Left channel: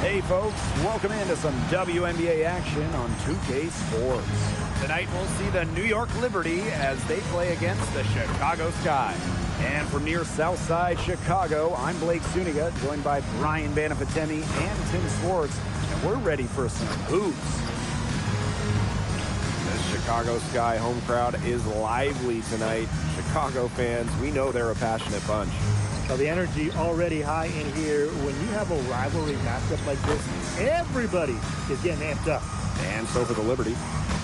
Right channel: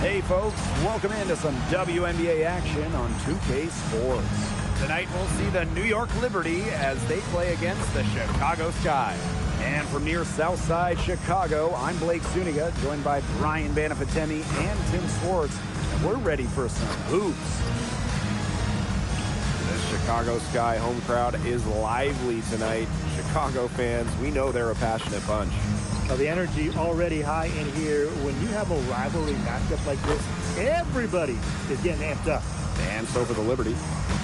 Hey folks, welcome into some WNBA action on 2K Sports. Tonight we'll see the New York Liberty as they play against the Chicago Sky. And from near Southside Chicago, I'm Blake Suniga, joined by Brian Banafatemi and Tim Swartz, and we're ready for some hoops. This Chicago Sky home crowd is lively tonight. Chicago fans, we know they're a passionate bunch. Well, the energy already high in here. When you have a rivalry matchup like this, everybody is getting amped up. And so for the Liberty,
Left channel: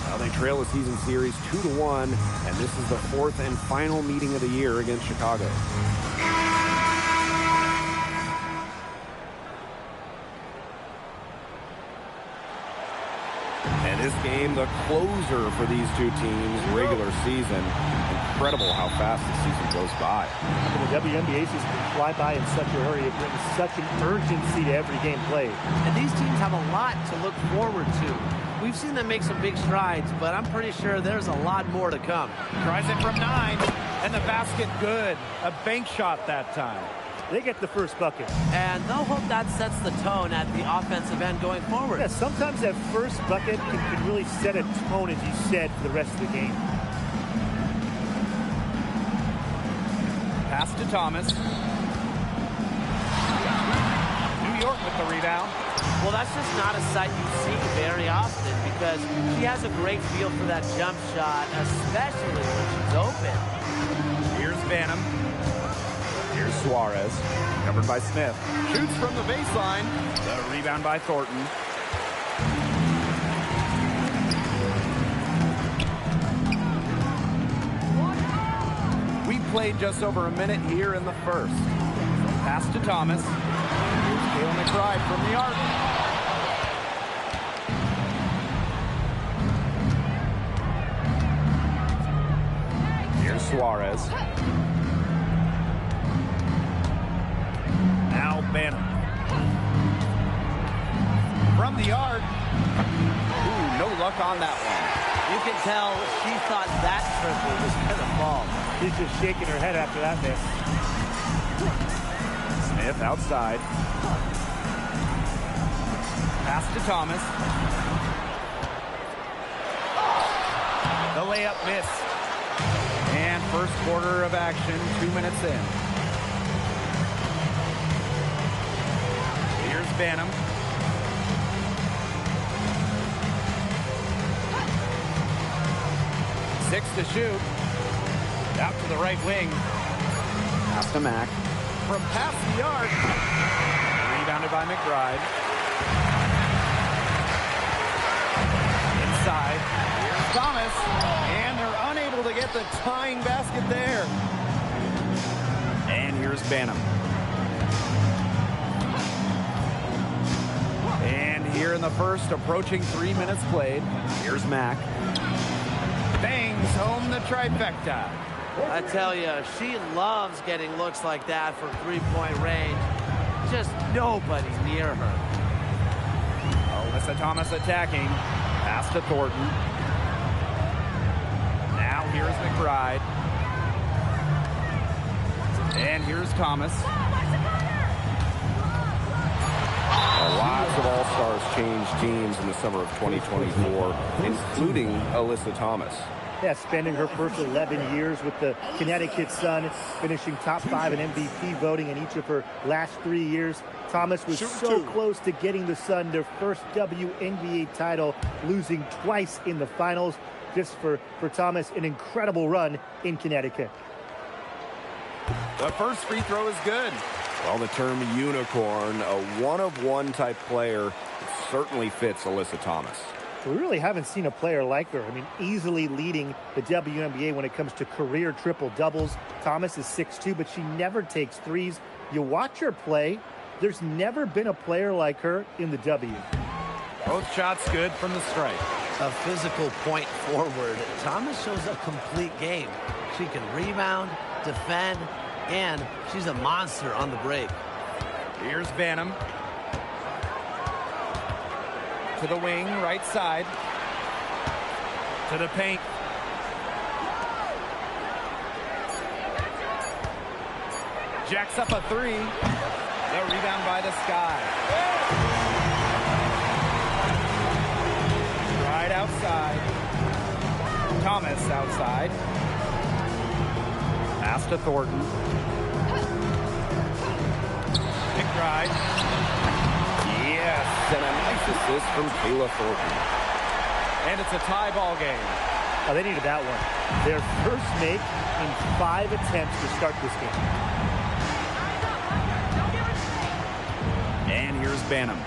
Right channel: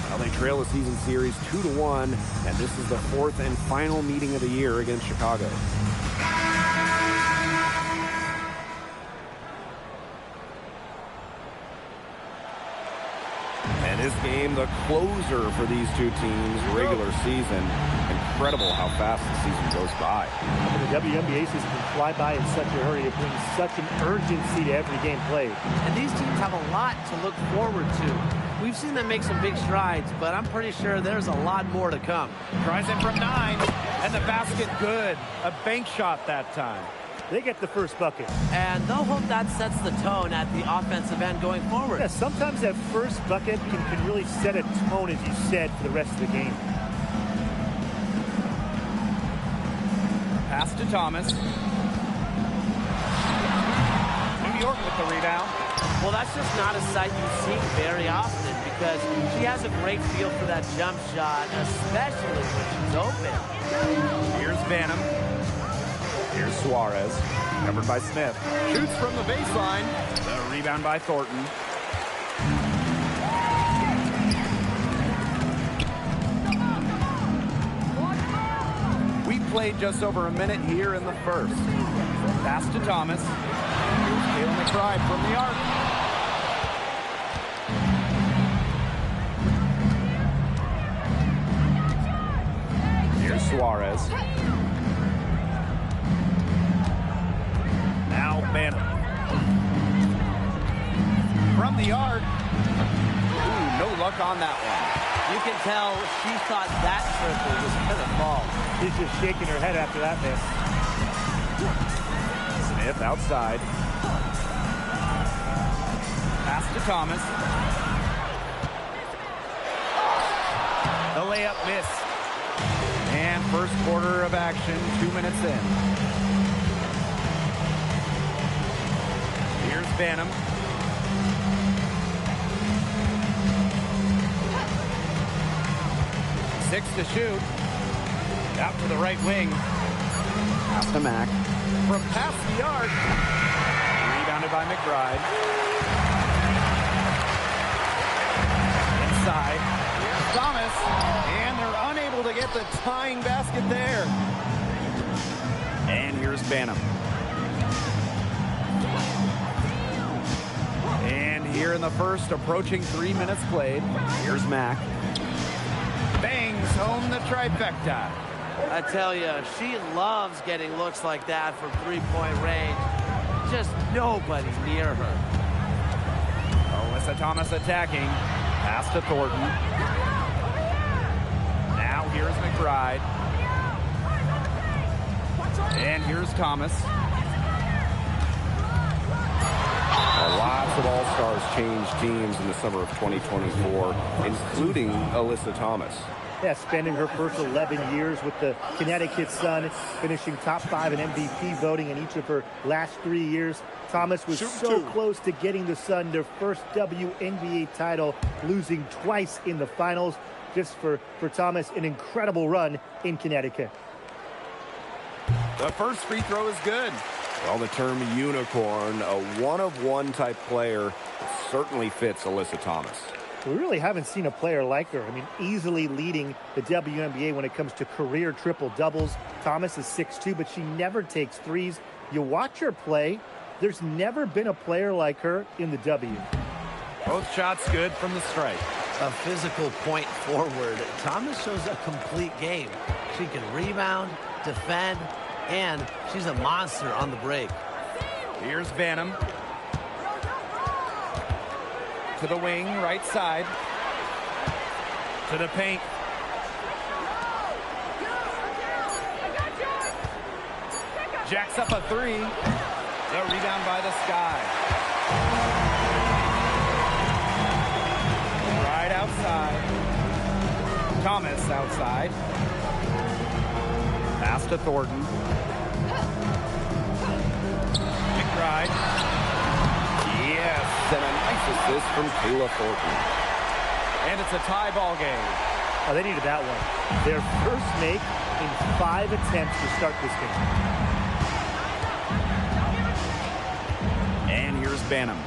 well, they trail the season series 2-1, and this is the fourth and final meeting of the year against Chicago. And this game, the closer for these two teams, regular season. Incredible how fast the season goes by. I mean, the WNBA season can fly by in such a hurry. It brings such an urgency to every game played. And these teams have a lot to look forward to. We've seen them make some big strides, but I'm pretty sure there's a lot more to come. Tries it from 9, and the basket good. A bank shot that time. They get the first bucket. And they'll hope that sets the tone at the offensive end going forward. Yeah, sometimes that first bucket can really set a tone, as you said, for the rest of the game. Pass to Thomas. New York with the rebound. Well, that's just not a sight you see very often because she has a great feel for that jump shot, especially when she's open. Here's Vanham. Here's Suarez, covered by Smith. Shoots from the baseline. The rebound by Thornton. We played just over a minute here in the first. Pass to Thomas. And here's Kayla McBride from the arc. Here's Suarez. Now Banham. From the arc. Ooh, no luck on that one. You can tell she thought that triple was going to fall. She's just shaking her head after that miss. Smith outside. Pass to Thomas. The layup missed. And first quarter of action, 2 minutes in. Here's Banham. Six to shoot. Out to the right wing. Pass to Mack. From past the arc. Rebounded by McBride. Inside. Here's Thomas. And they're unable to get the tying basket there. And here's Banham. And here in the first, approaching 3 minutes played. Here's Mack. Bangs home the trifecta. I tell you, she loves getting looks like that from three-point range. Just nobody near her. Alyssa Thomas attacking. Pass to Thornton. Now here's McBride. And here's Thomas. Lots of All-Stars changed teams in the summer of 2024, including Alyssa Thomas. Yeah, spending her first 11 years with the Connecticut Sun, finishing top 5 in MVP voting in each of her last 3 years. Thomas was so close to getting the Sun their first WNBA title, losing twice in the finals. Just for Thomas, an incredible run in Connecticut. The first free throw is good. Well, the term unicorn, a one-of-one type player, it certainly fits Alyssa Thomas. We really haven't seen a player like her. I mean, easily leading the WNBA when it comes to career triple-doubles. Thomas is 6'2", but she never takes threes. You watch her play, there's never been a player like her in the W. Both shots good from the strike. A physical point forward. Thomas shows a complete game. She can rebound, defend, and she's a monster on the break. Here's Vanham. To the wing, right side. To the paint. Jacks up a three. The rebound by the Sky. Right outside. Thomas outside. Pass to Thornton. McBride. Yes, and a nice assist from Kayla Thornton. And it's a tie ball game. Oh, they needed that one. Their first make in 5 attempts to start this game. And here's Banham.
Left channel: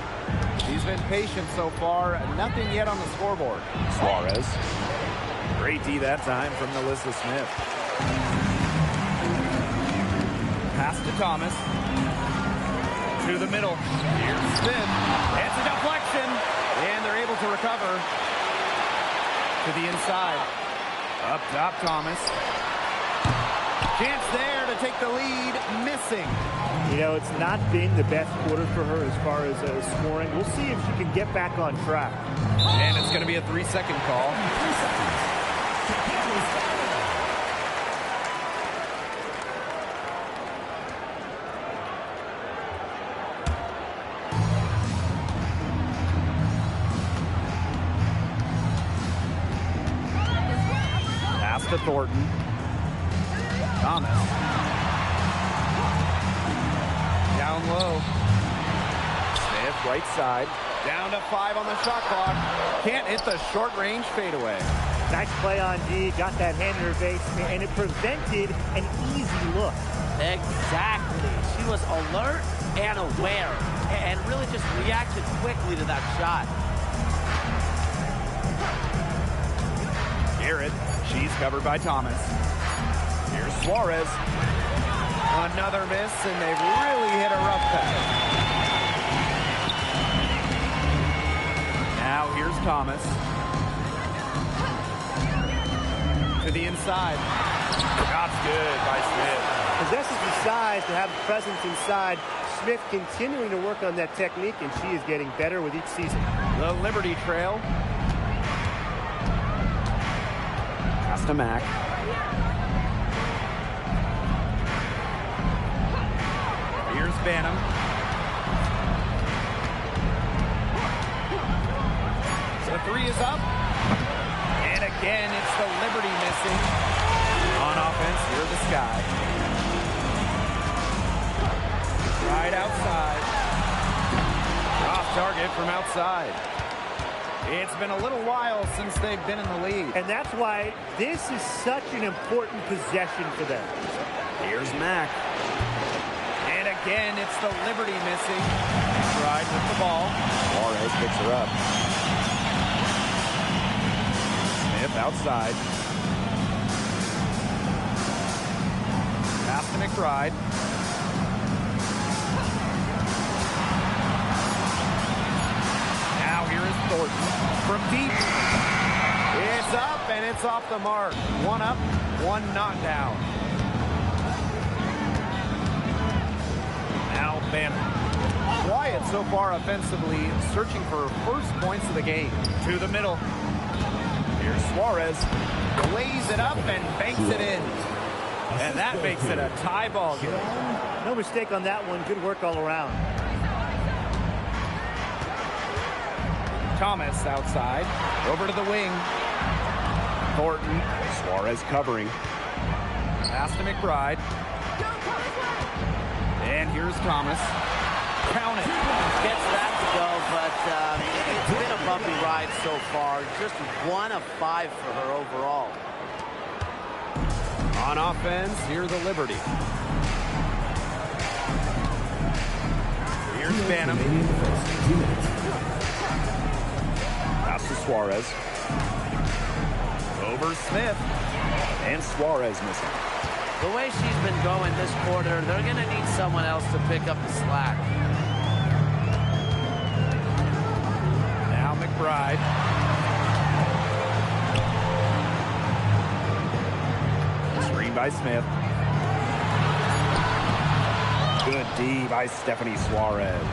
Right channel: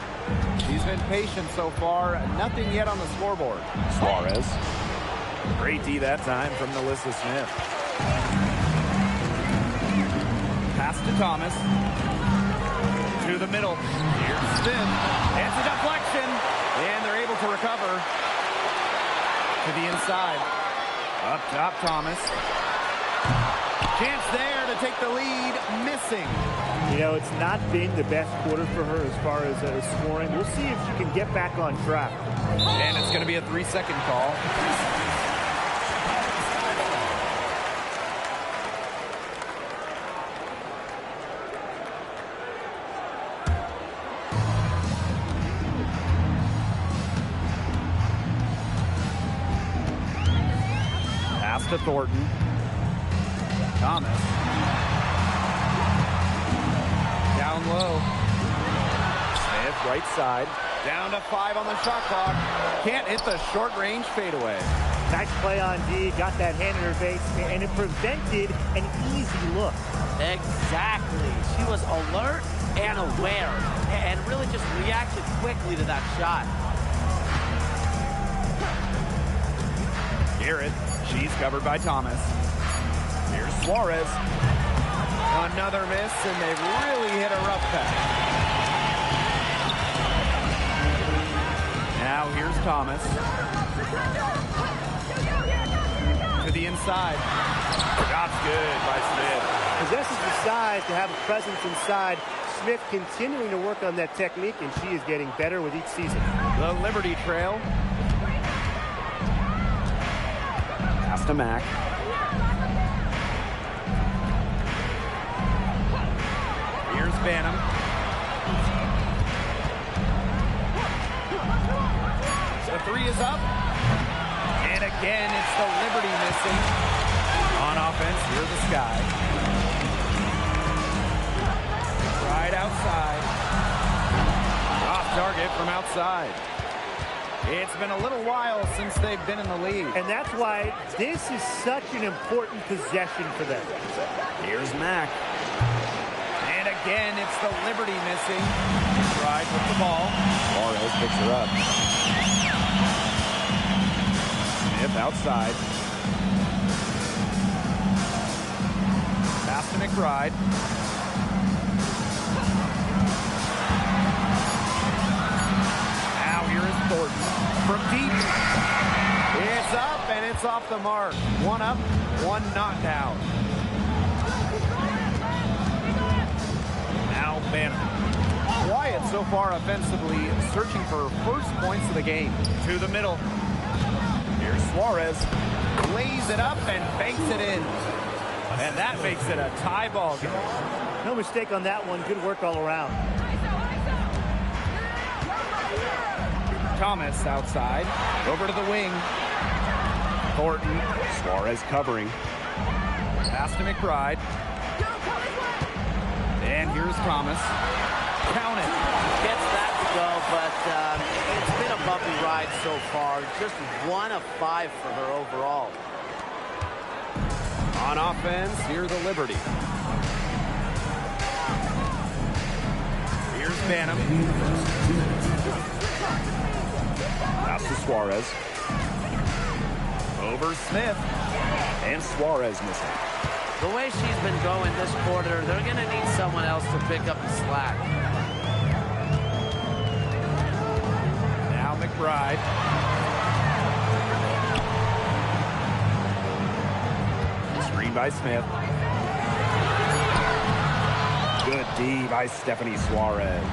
She's been patient so far. Nothing yet on the scoreboard. Suarez. Great D that time from Melissa Smith. Pass to Thomas. To the middle. Here's Smith. It's a deflection. And they're able to recover. To the inside. Up top, Thomas. Chance there to take the lead. Missing. You know, it's not been the best quarter for her as far as scoring. We'll see if she can get back on track. And it's going to be a 3-second call. Pass to Thornton. Thomas. Down low. Smith, right side. Down to 5 on the shot clock. Can't hit the short range fadeaway. Nice play on D. Got that hand in her face, and it prevented an easy look. Exactly. She was alert and aware and really just reacted quickly to that shot. Garrett. She's covered by Thomas. Here's Suarez. Another miss, and they've really hit a rough patch. Now here's Thomas. To the inside. Shot's good by Smith. Possesses the size to have a presence inside. Smith continuing to work on that technique, and she is getting better with each season. The Liberty trail. Pass to Mack. Here's Banham. The 3 is up. And again, it's the Liberty missing. On offense, here's the Sky. Right outside. Off target from outside. It's been a little while since they've been in the lead. And that's why this is such an important possession for them. Here's Mack. And again, it's the Liberty missing. McBride with the ball. Suarez picks her up. Smith outside. Pass to McBride. Now here is Thornton from deep. It's up and it's off the mark. 1 up, 1 not down. Now Banham. Quiet so far offensively, searching for first points of the game. To the middle. Here's Suarez. Lays it up and banks it in. And that makes it a tie ball game. No mistake on that one. Good work all around. Thomas outside. Over to the wing. Thornton. Suarez covering. Pass to McBride. And here's Thomas. Count it. Gets that to go, but it's been a bumpy ride so far. Just 1 of 5 for her overall. On offense, here's the Liberty. Here's Banham. Pass to Suarez. Over Smith. And Suarez missing. The way she's been going this quarter, they're going to need someone else to pick up the slack. Now McBride. Screen by Smith. Good D by Stephanie Suarez.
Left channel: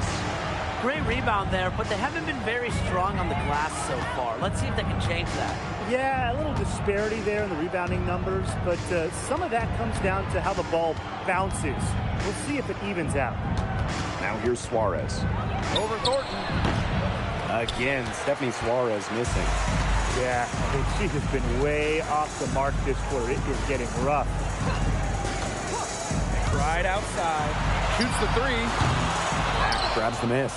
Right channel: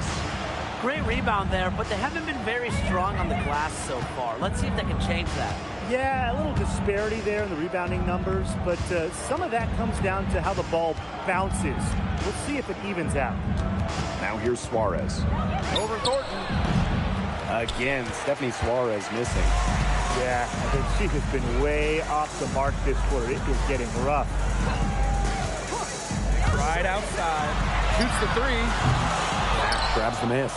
Great rebound there, but they haven't been very strong on the glass so far. Let's see if they can change that. Yeah, a little disparity there in the rebounding numbers, but some of that comes down to how the ball bounces. We'll see if it evens out. Now here's Suarez. Over Thornton. Again, Stephanie Suarez missing. Yeah, I think she has been way off the mark this quarter. It is getting rough. Right outside. Shoots the three. Mack grabs the miss.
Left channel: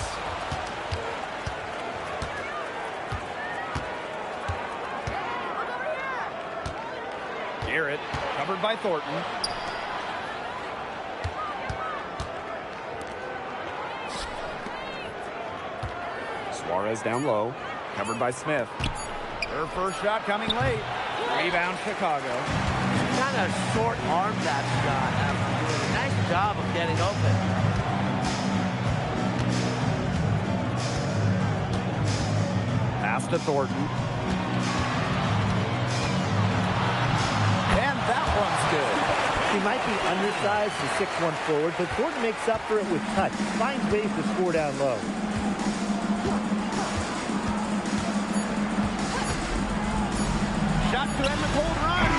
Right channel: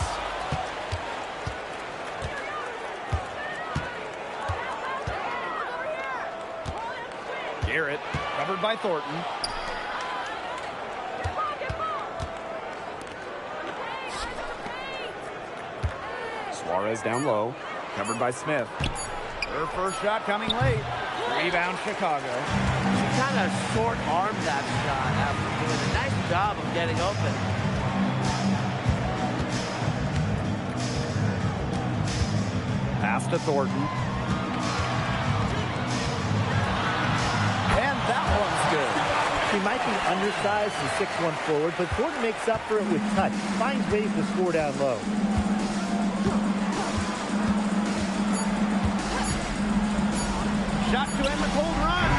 Garrett covered by Thornton. Suarez down low. Covered by Smith. Her first shot coming late. Rebound Chicago. She kind of short-armed that shot after doing a nice job of getting open. Pass to Thornton. And that one's good. She might be undersized as a 6'1" forward, but Thornton makes up for it with touch. Finds ways to score down low. Shot to end the cold run.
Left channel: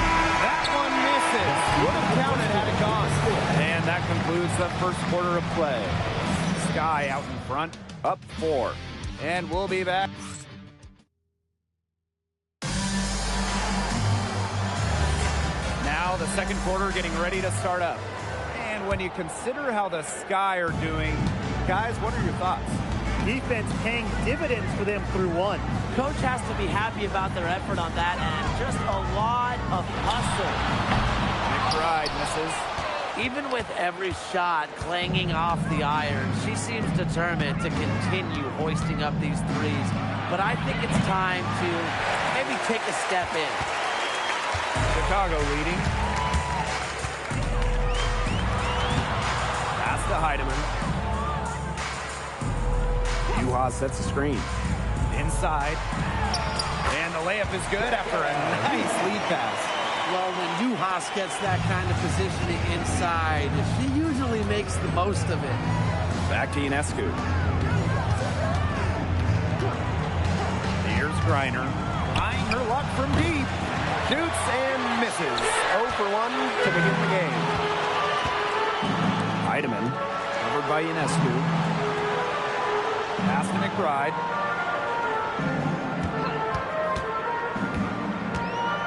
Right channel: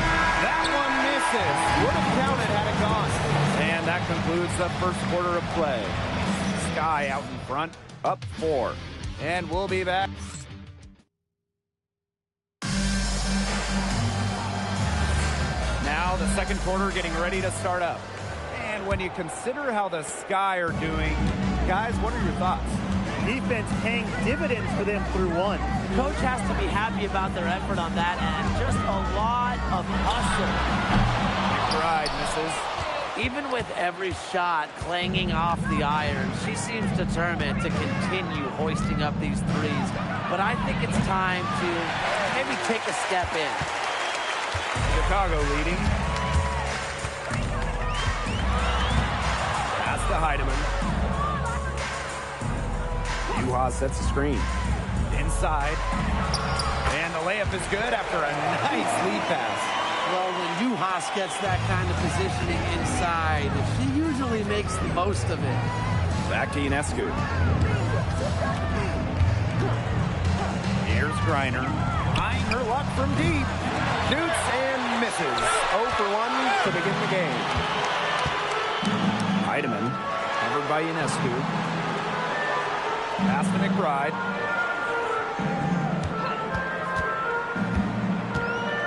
That one misses. Would have counted had it gone. And that concludes the first quarter of play. Sky out in front, up 4. And we'll be back. Now the second quarter getting ready to start up. And when you consider how the Sky are doing, guys, what are your thoughts? Defense paying dividends for them through one. Coach has to be happy about their effort on that end. Just a lot of hustle. McBride misses. Even with every shot clanging off the iron, she seems determined to continue hoisting up these threes. But I think it's time to maybe take a step in. Chicago leading. Pass to Heidemann. Juha sets the screen. Inside. And the layup is good after a nice lead pass. Well, when Juhas gets that kind of positioning inside, she usually makes the most of it. Back to Ionescu. Here's Griner. Trying her luck from deep. Shoots and misses. 0 for 1 to begin the game. Heidemann covered by Ionescu. Pass to McBride.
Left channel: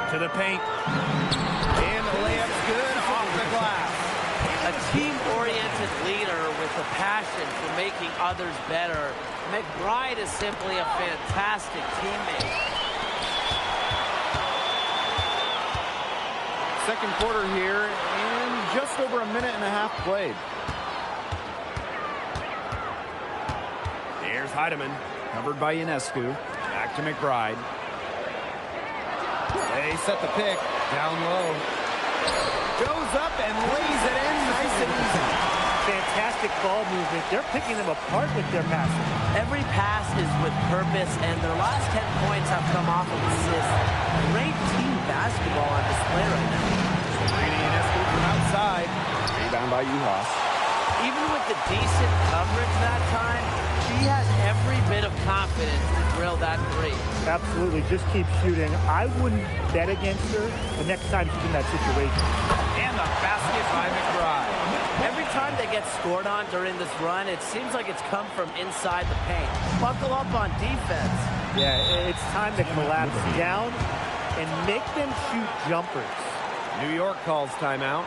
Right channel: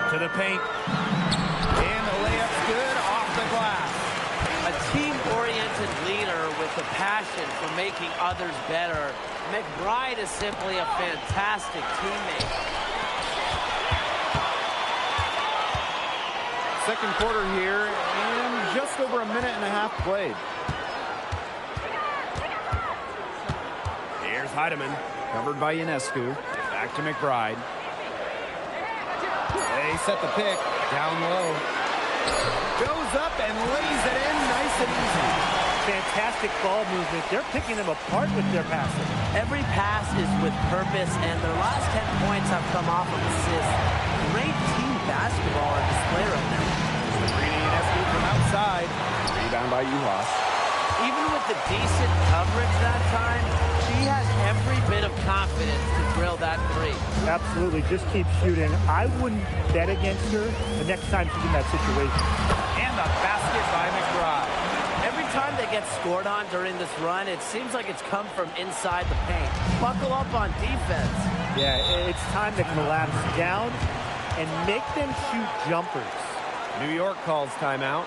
To the paint. And the layup's good off the glass. A team-oriented leader with a passion for making others better. McBride is simply a fantastic teammate. Second quarter here, and just over a minute and a half played. Here's Heidemann, covered by Ionescu. Back to McBride. They set the pick, down low. Goes up and lays it in nice and easy. Fantastic ball movement. They're picking them apart with their passing. Every pass is with purpose, and their last 10 points have come off of assists. Great team basketball on display right now. Sabrina Ionescu from outside. Rebound by Juhas. Even with the decent coverage that time, she has every bit of confidence to drill that three. Absolutely. Just keep shooting. I wouldn't bet against her the next time she's in that situation. And the basket by McBride. Every time they get scored on during this run, it seems like it's come from inside the paint. Buckle up on defense. Yeah, it's time to collapse down and make them shoot jumpers. New York calls timeout.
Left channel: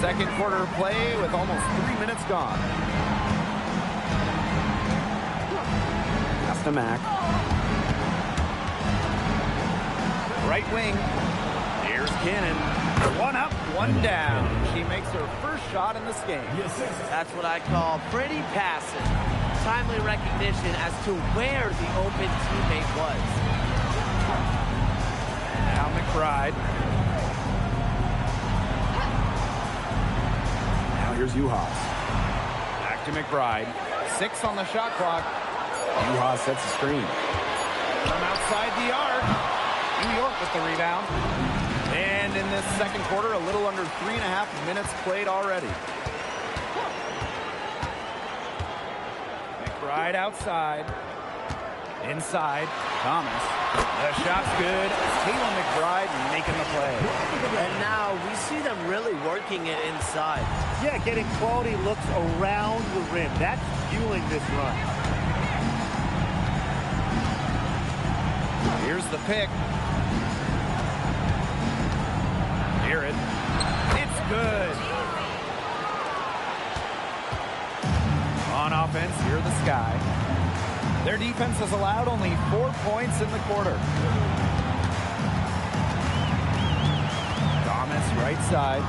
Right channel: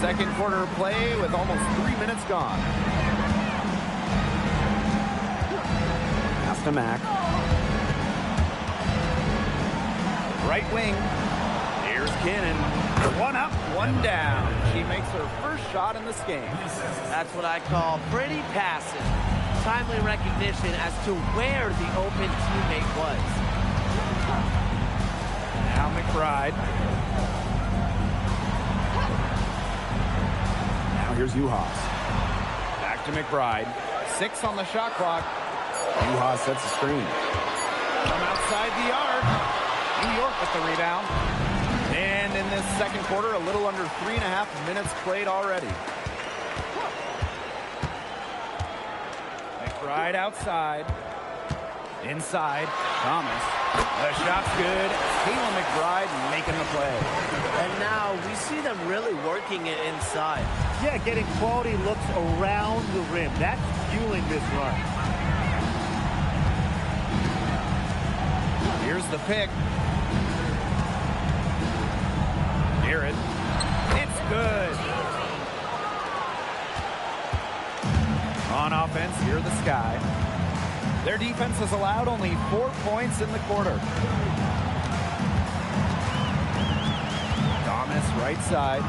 Second quarter play with almost 3 minutes gone. Pass to Mack. Right wing. Here's Cannon. One up, one down. She makes her first shot in this game. That's what I call pretty passive. Timely recognition as to where the open teammate was. Now McBride. Now here's Juhas. Back to McBride. 6 on the shot clock. Yuha sets the screen. From outside the arc, New York with the rebound. And in this second quarter, a little under 3.5 minutes played already. McBride outside. Inside, Thomas. The shot's good. Kayla McBride making the play. And now we see them really working it inside. Yeah, getting quality looks around the rim. That's fueling this run. Here's the pick. Garrett. It's good. On offense, here the Sky. Their defense has allowed only 4 points in the quarter. Thomas, right side.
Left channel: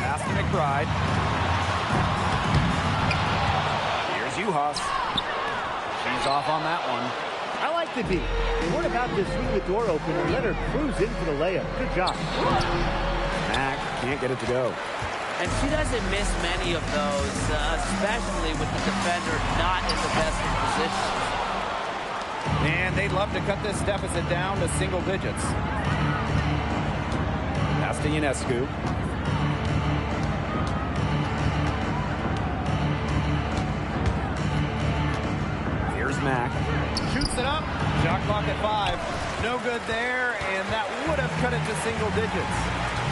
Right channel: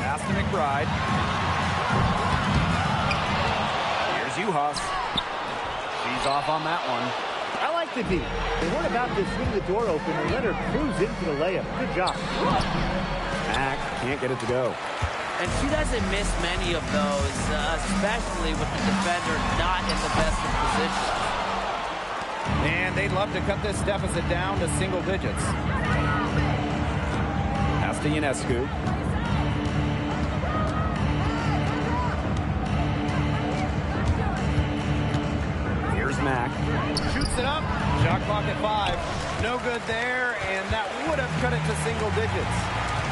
Pass to McBride. Here's Uhas. She's off on that one. I like the beat. They weren't about to swing the door open and let her cruise in for the layup. Good job. Mack can't get it to go. And she doesn't miss many of those, especially with the defender not in the best of positions. And they'd love to cut this deficit down to single digits. Pass to Ionescu. Here's Mack. Shoots it up. Shot clock at 5. No good there, and that would have cut it to single digits.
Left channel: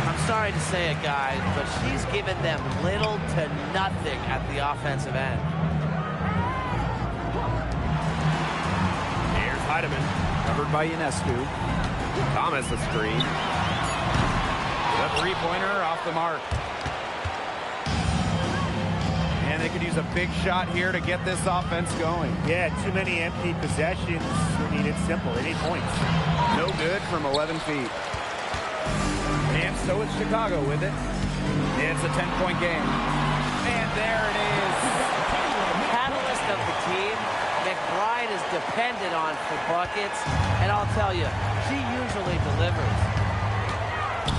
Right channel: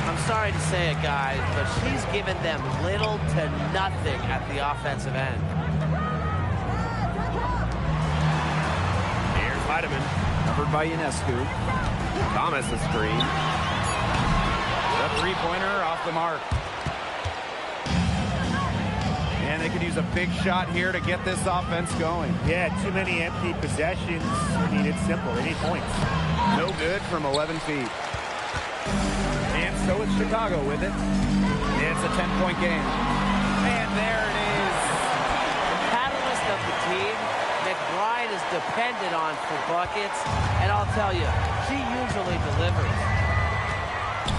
I'm sorry to say it, guys, but she's given them little to nothing at the offensive end. Here's Heidemann. Covered by Ionescu. Thomas a screen. The three-pointer off the mark. And they could use a big shot here to get this offense going. Yeah, too many empty possessions. I mean, it's simple. They need points. No good from 11 feet. And so it's Chicago with it. It's a 10-point game. And there it is. The catalyst of the team, McBride is depended on for buckets. And I'll tell you, she usually delivers.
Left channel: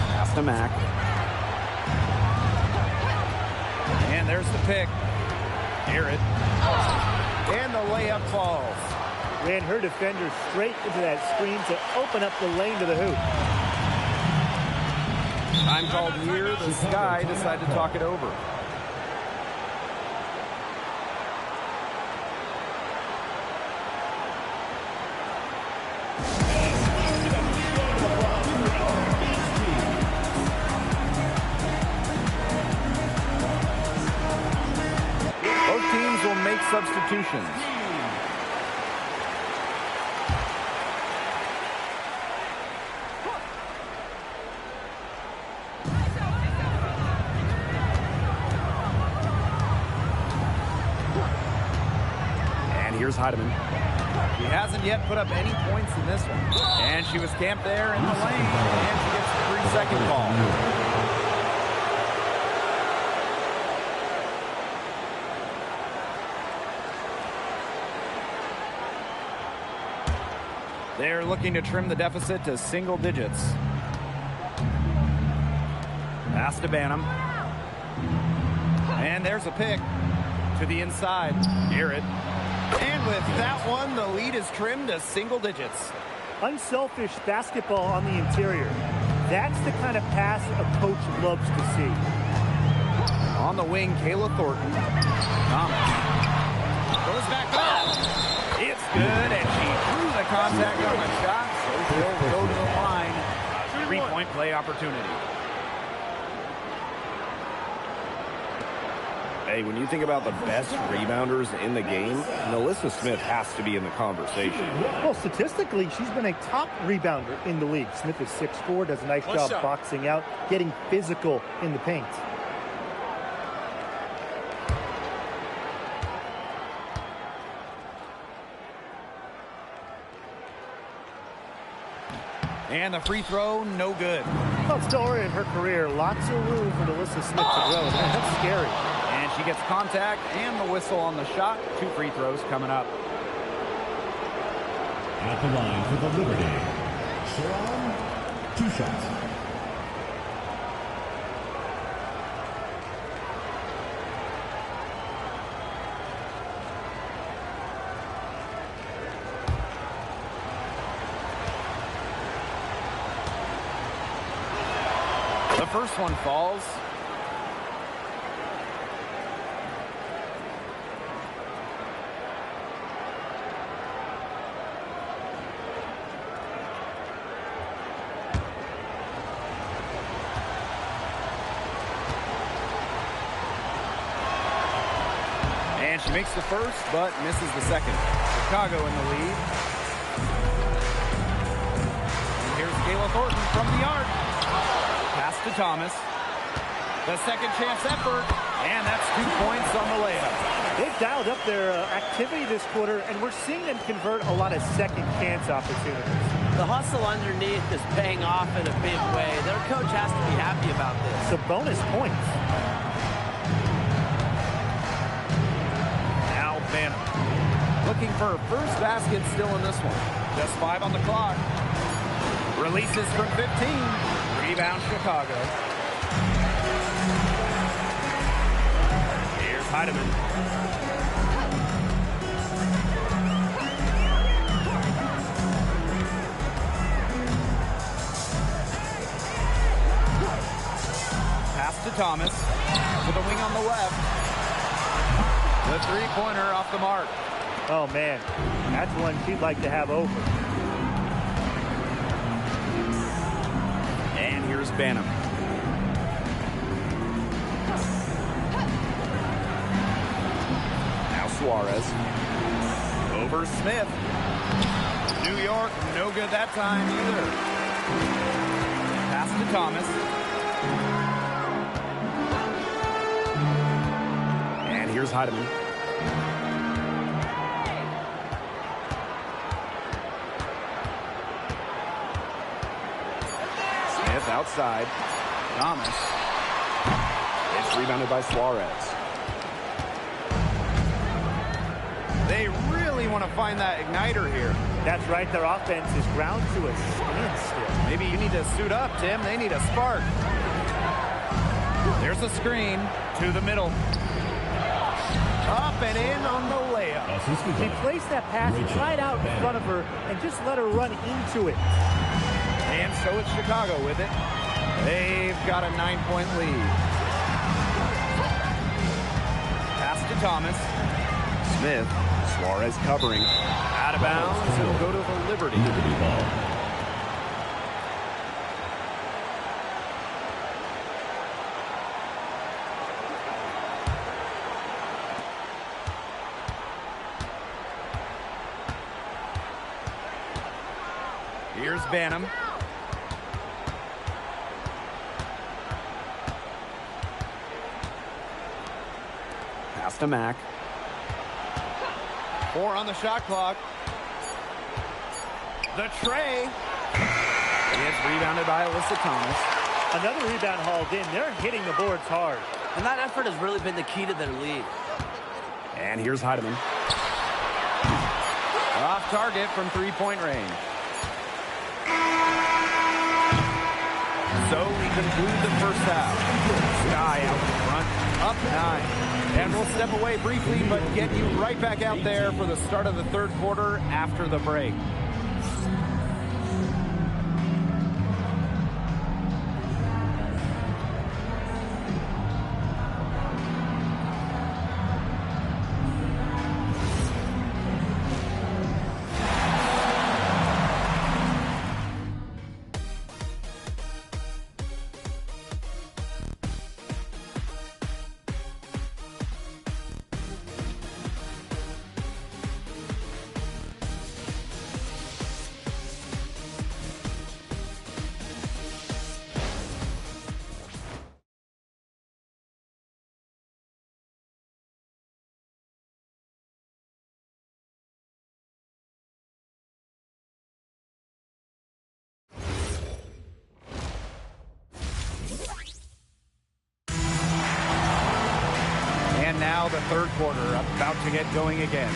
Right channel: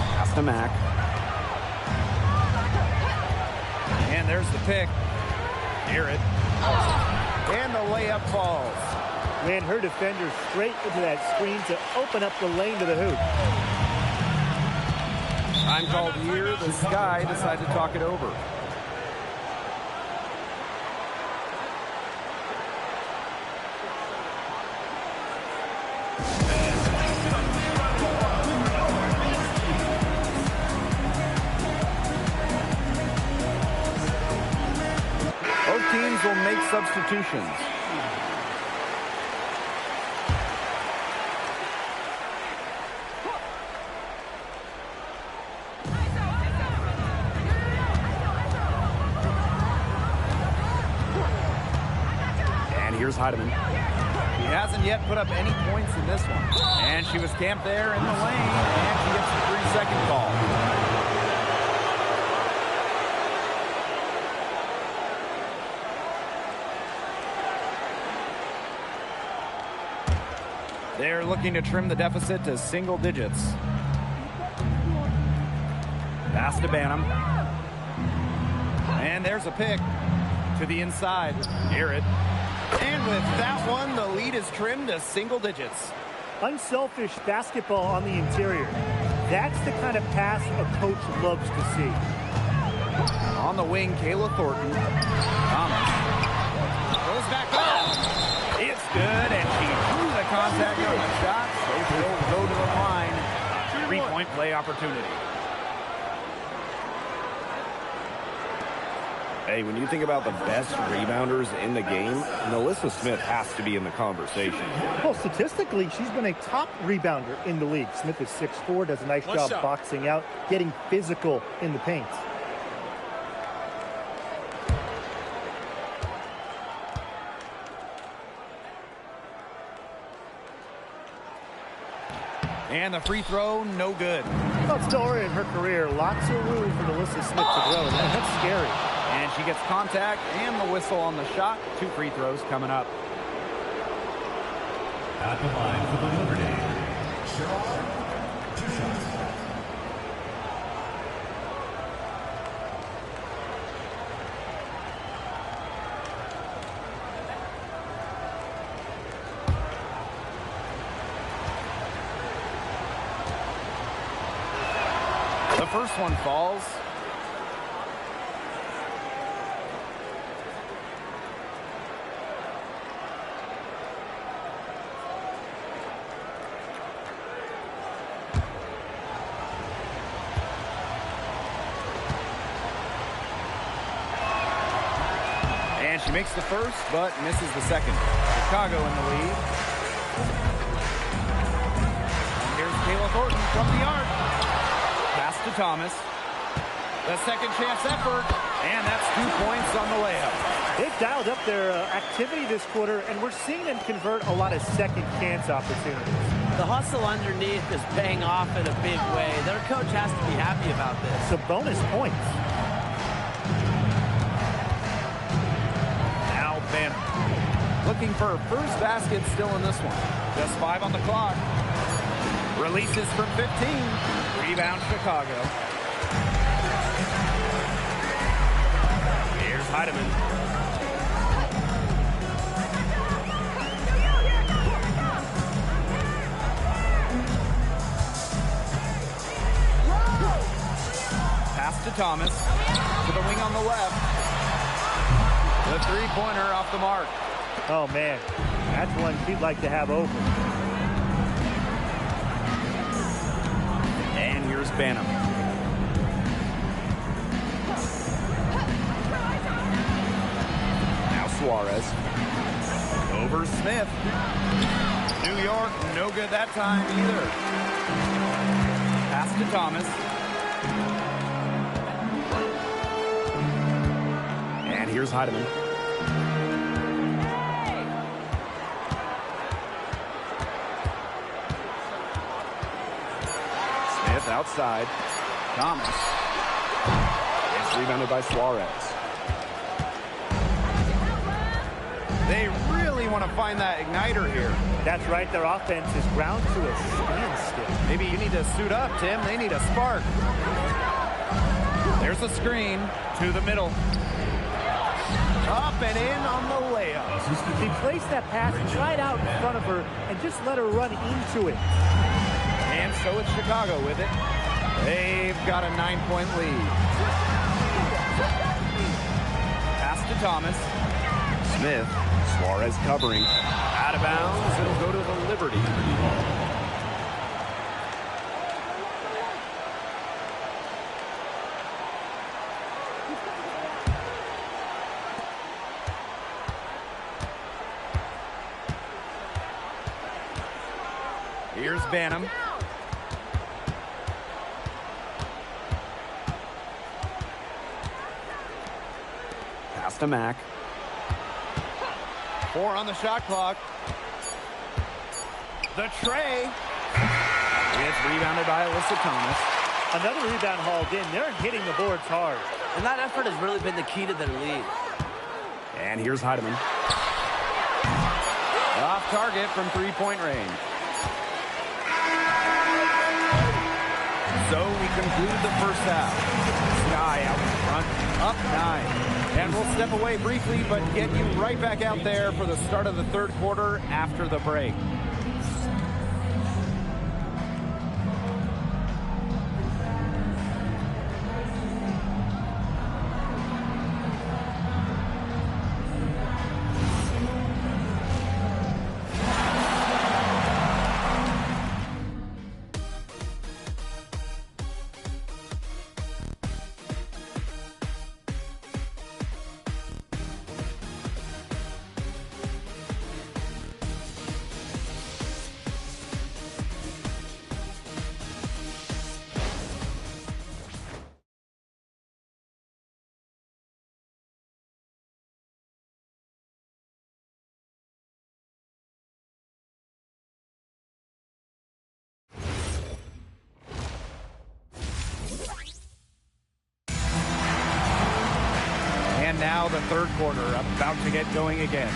Pass to Mack. And there's the pick. Garrett. And the layup falls. Ran her defender straight into that screen to open up the lane to the hoop. Time called here. The Sky decide to talk it over. Both teams will make substitutions. Here's Heidemann. She hasn't yet put up any points in this one. And she was camped there in the lane, and she gets the 3-second call. They're looking to trim the deficit to single digits. Pass to Banham. And there's a pick to the inside. Garrett. And with that one, the lead is trimmed to single digits. Unselfish basketball on the interior. That's the kind of pass a coach loves to see. On the wing, Kayla Thornton. Thomas goes back up. It's good, and she drew the contact on the shot, so she'll go to the line. A 3-point play opportunity. Hey, when you think about the best rebounders in the game, Nalissa Smith has to be in the conversation. Well, statistically, she's been a top rebounder in the league. Smith is 6'4", does a nice job boxing out, getting physical in the paint. And the free throw, no good. Well, it's still early in her career. Lots of room for Nalissa Smith to grow. That's scary. And she gets contact and the whistle on the shot. 2 free throws coming up. At the line for the Liberty, Sharon, 2 shots. first one falls. And she makes the first, but misses the second. Chicago in the lead. And here's Kayla Thornton from the arc. Pass to Thomas. The second chance effort. And that's 2 points on the layup. They've dialed up their activity this quarter, and we're seeing them convert a lot of second chance opportunities. The hustle underneath is paying off in a big way. Their coach has to be happy about this. Some bonus points. Banham looking for her first basket still in this one. Just 5 on the clock. Releases from 15. Rebound Chicago. Here's Heidemann. Pass to Thomas. To the wing on the left. The three-pointer off the mark. Oh, man. That's one she'd like to have over. And here's Banham. Now Suarez. Over Smith. New York, no good that time either. Pass to Thomas. And here's Heidemann. Smith outside. Thomas. It's rebounded by Suarez. They really want to find that igniter here. That's right. Their offense is ground to a standstill. Maybe you need to suit up, Tim. They need a spark. There's a screen to the middle. Up and in on the layup. She placed that pass right out in front of her and just let her run into it. And so it's Chicago with it. They've got a 9-point lead. Pass to Thomas. Smith. Suarez covering. Out of bounds. It'll go to the Liberty. Ball. Here's Banham. Pass to Mack. 4 on the shot clock. The tray. It's rebounded by Alyssa Thomas. Another rebound hauled in. They're hitting the boards hard. And that effort has really been the key to their lead. And here's Heidemann. Off target from 3-point range. So we conclude the first half. Sky out in front, up 9. And we'll step away briefly, but get you right back out there for the start of the third quarter after the break. And now the third quarter about to get going again.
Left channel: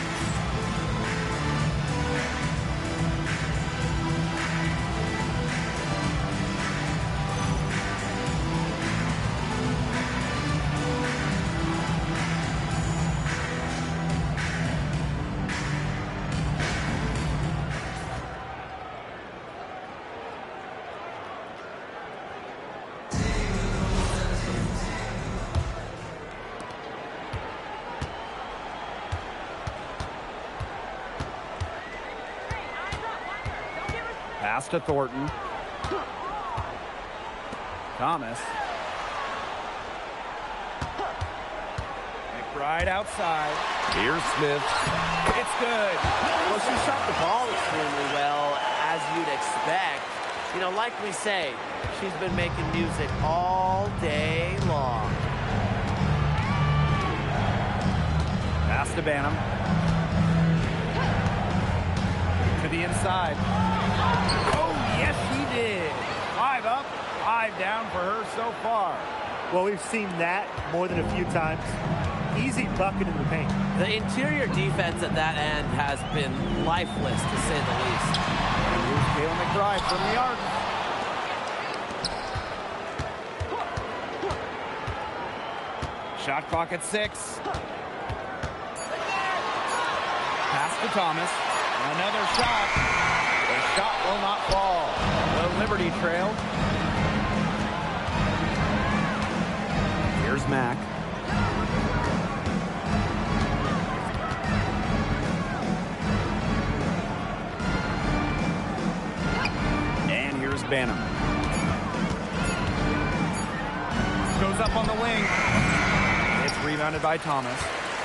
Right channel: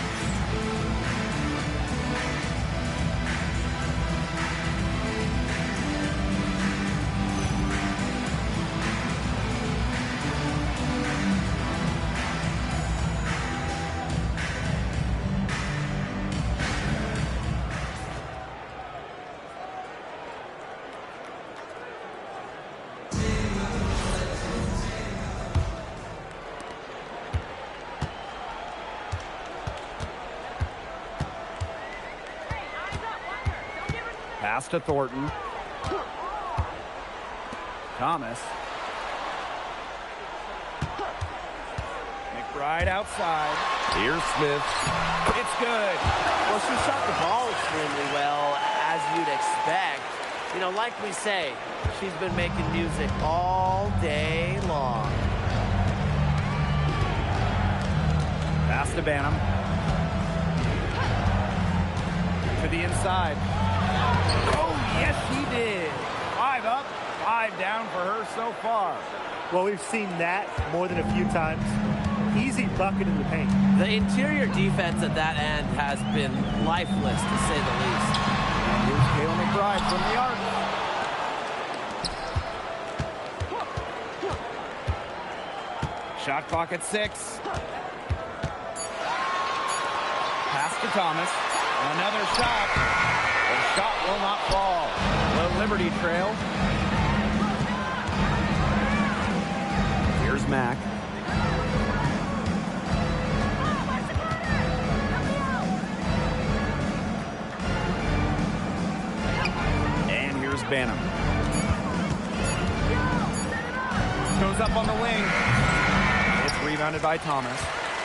Pass to Thornton. Thomas. McBride outside. Here's Smith. It's good. Well, she shot the ball extremely well, as you'd expect. You know, like we say, she's been making music all day long. Pass to Banham. To the inside. Oh, yes, she did. 5 up, 5 down for her so far. Well, we've seen that more than a few times. Easy bucket in the paint. The interior defense at that end has been lifeless, to say the least. And here's Kayla McBride from the arc. Shot clock at 6. Pass to Thomas. Another shot. The shot will not fall. The Liberty trail. Here's Mack. And here's Banham. Goes up on the wing. It's rebounded by Thomas.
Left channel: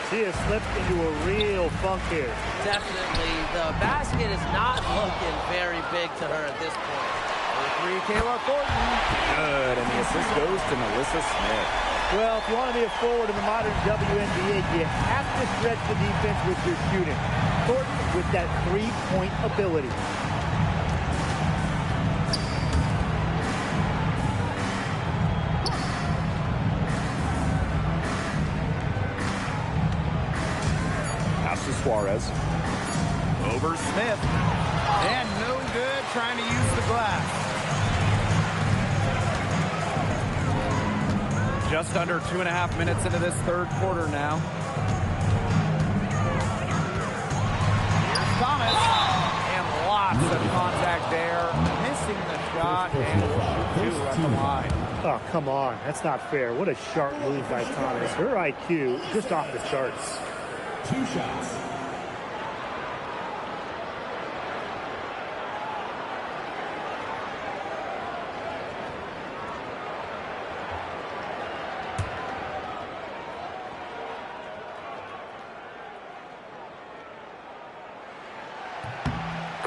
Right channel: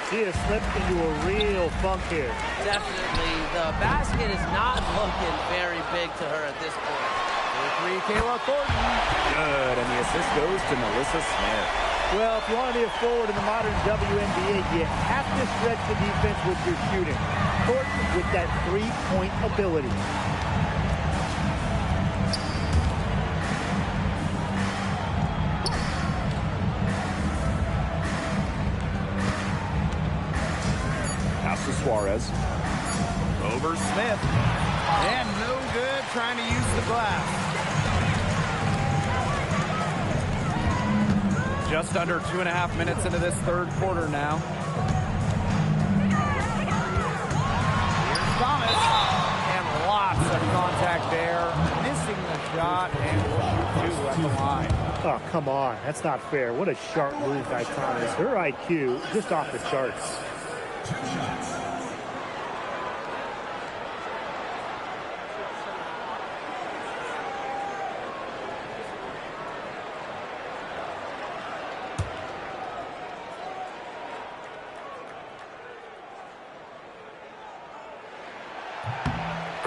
She has slipped into a real funk here. Definitely. The basket is not looking very big to her at this point. For 3, Kayla Thornton. Good, and the assist goes to Melissa Smith. Well, if you want to be a forward in the modern WNBA, you have to stretch the defense with your shooting. Thornton with that three-point ability. Pass to Suarez. Over Smith. And no good, trying to use the glass. Just under 2.5 minutes into this third quarter now. Here's Thomas. And lots of contact there. Missing the shot, and will shoot 2 at the line. Oh, come on. That's not fair. What a sharp move by Thomas. Her IQ just off the charts. 2 shots.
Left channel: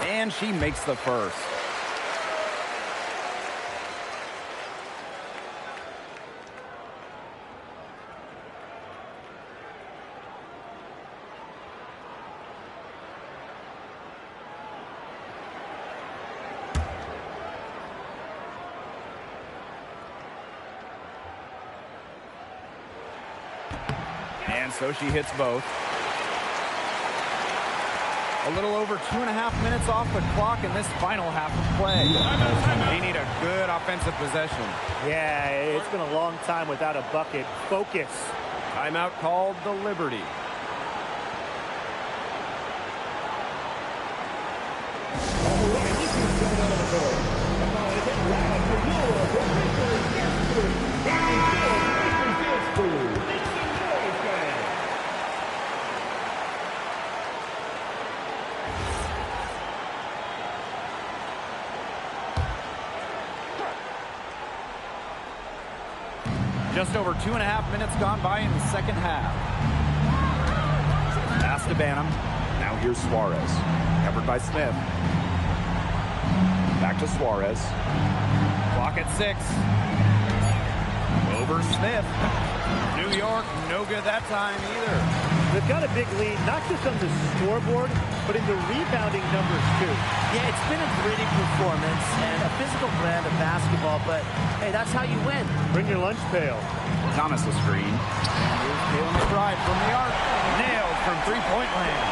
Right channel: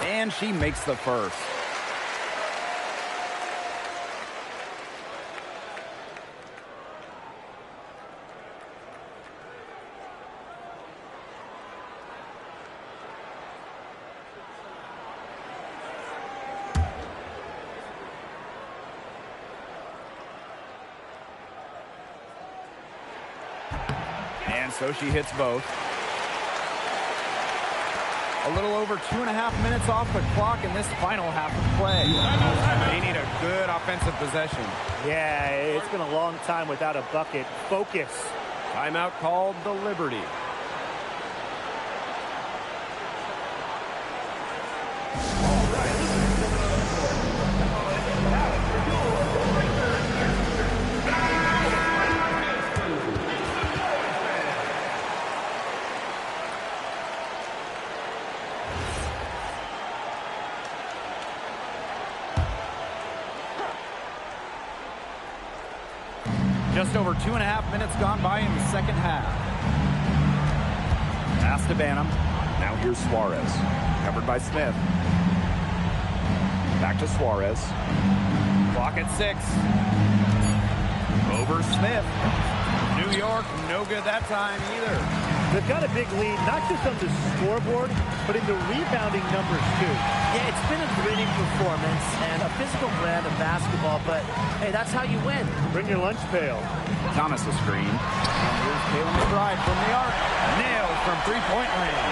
And she makes the first. And so she hits both. A little over 2.5 minutes off the clock in this final half of play. They need a good offensive possession. Yeah, it's been a long time without a bucket. Focus. Timeout called the Liberty. Just over 2.5 minutes gone by in the second half. Pass to Banham. Now here's Suarez. Covered by Smith. Back to Suarez. Clock at 6. Over Smith. New York, no good that time either. They've got a big lead, not just on the scoreboard, but in the rebounding numbers, too. Yeah, it's been a gritty performance and a physical brand of basketball, but hey, that's how you win. Bring your lunch pail. Thomas a screen. And here's Kayla McBride from the arc. Nailed from three-point land.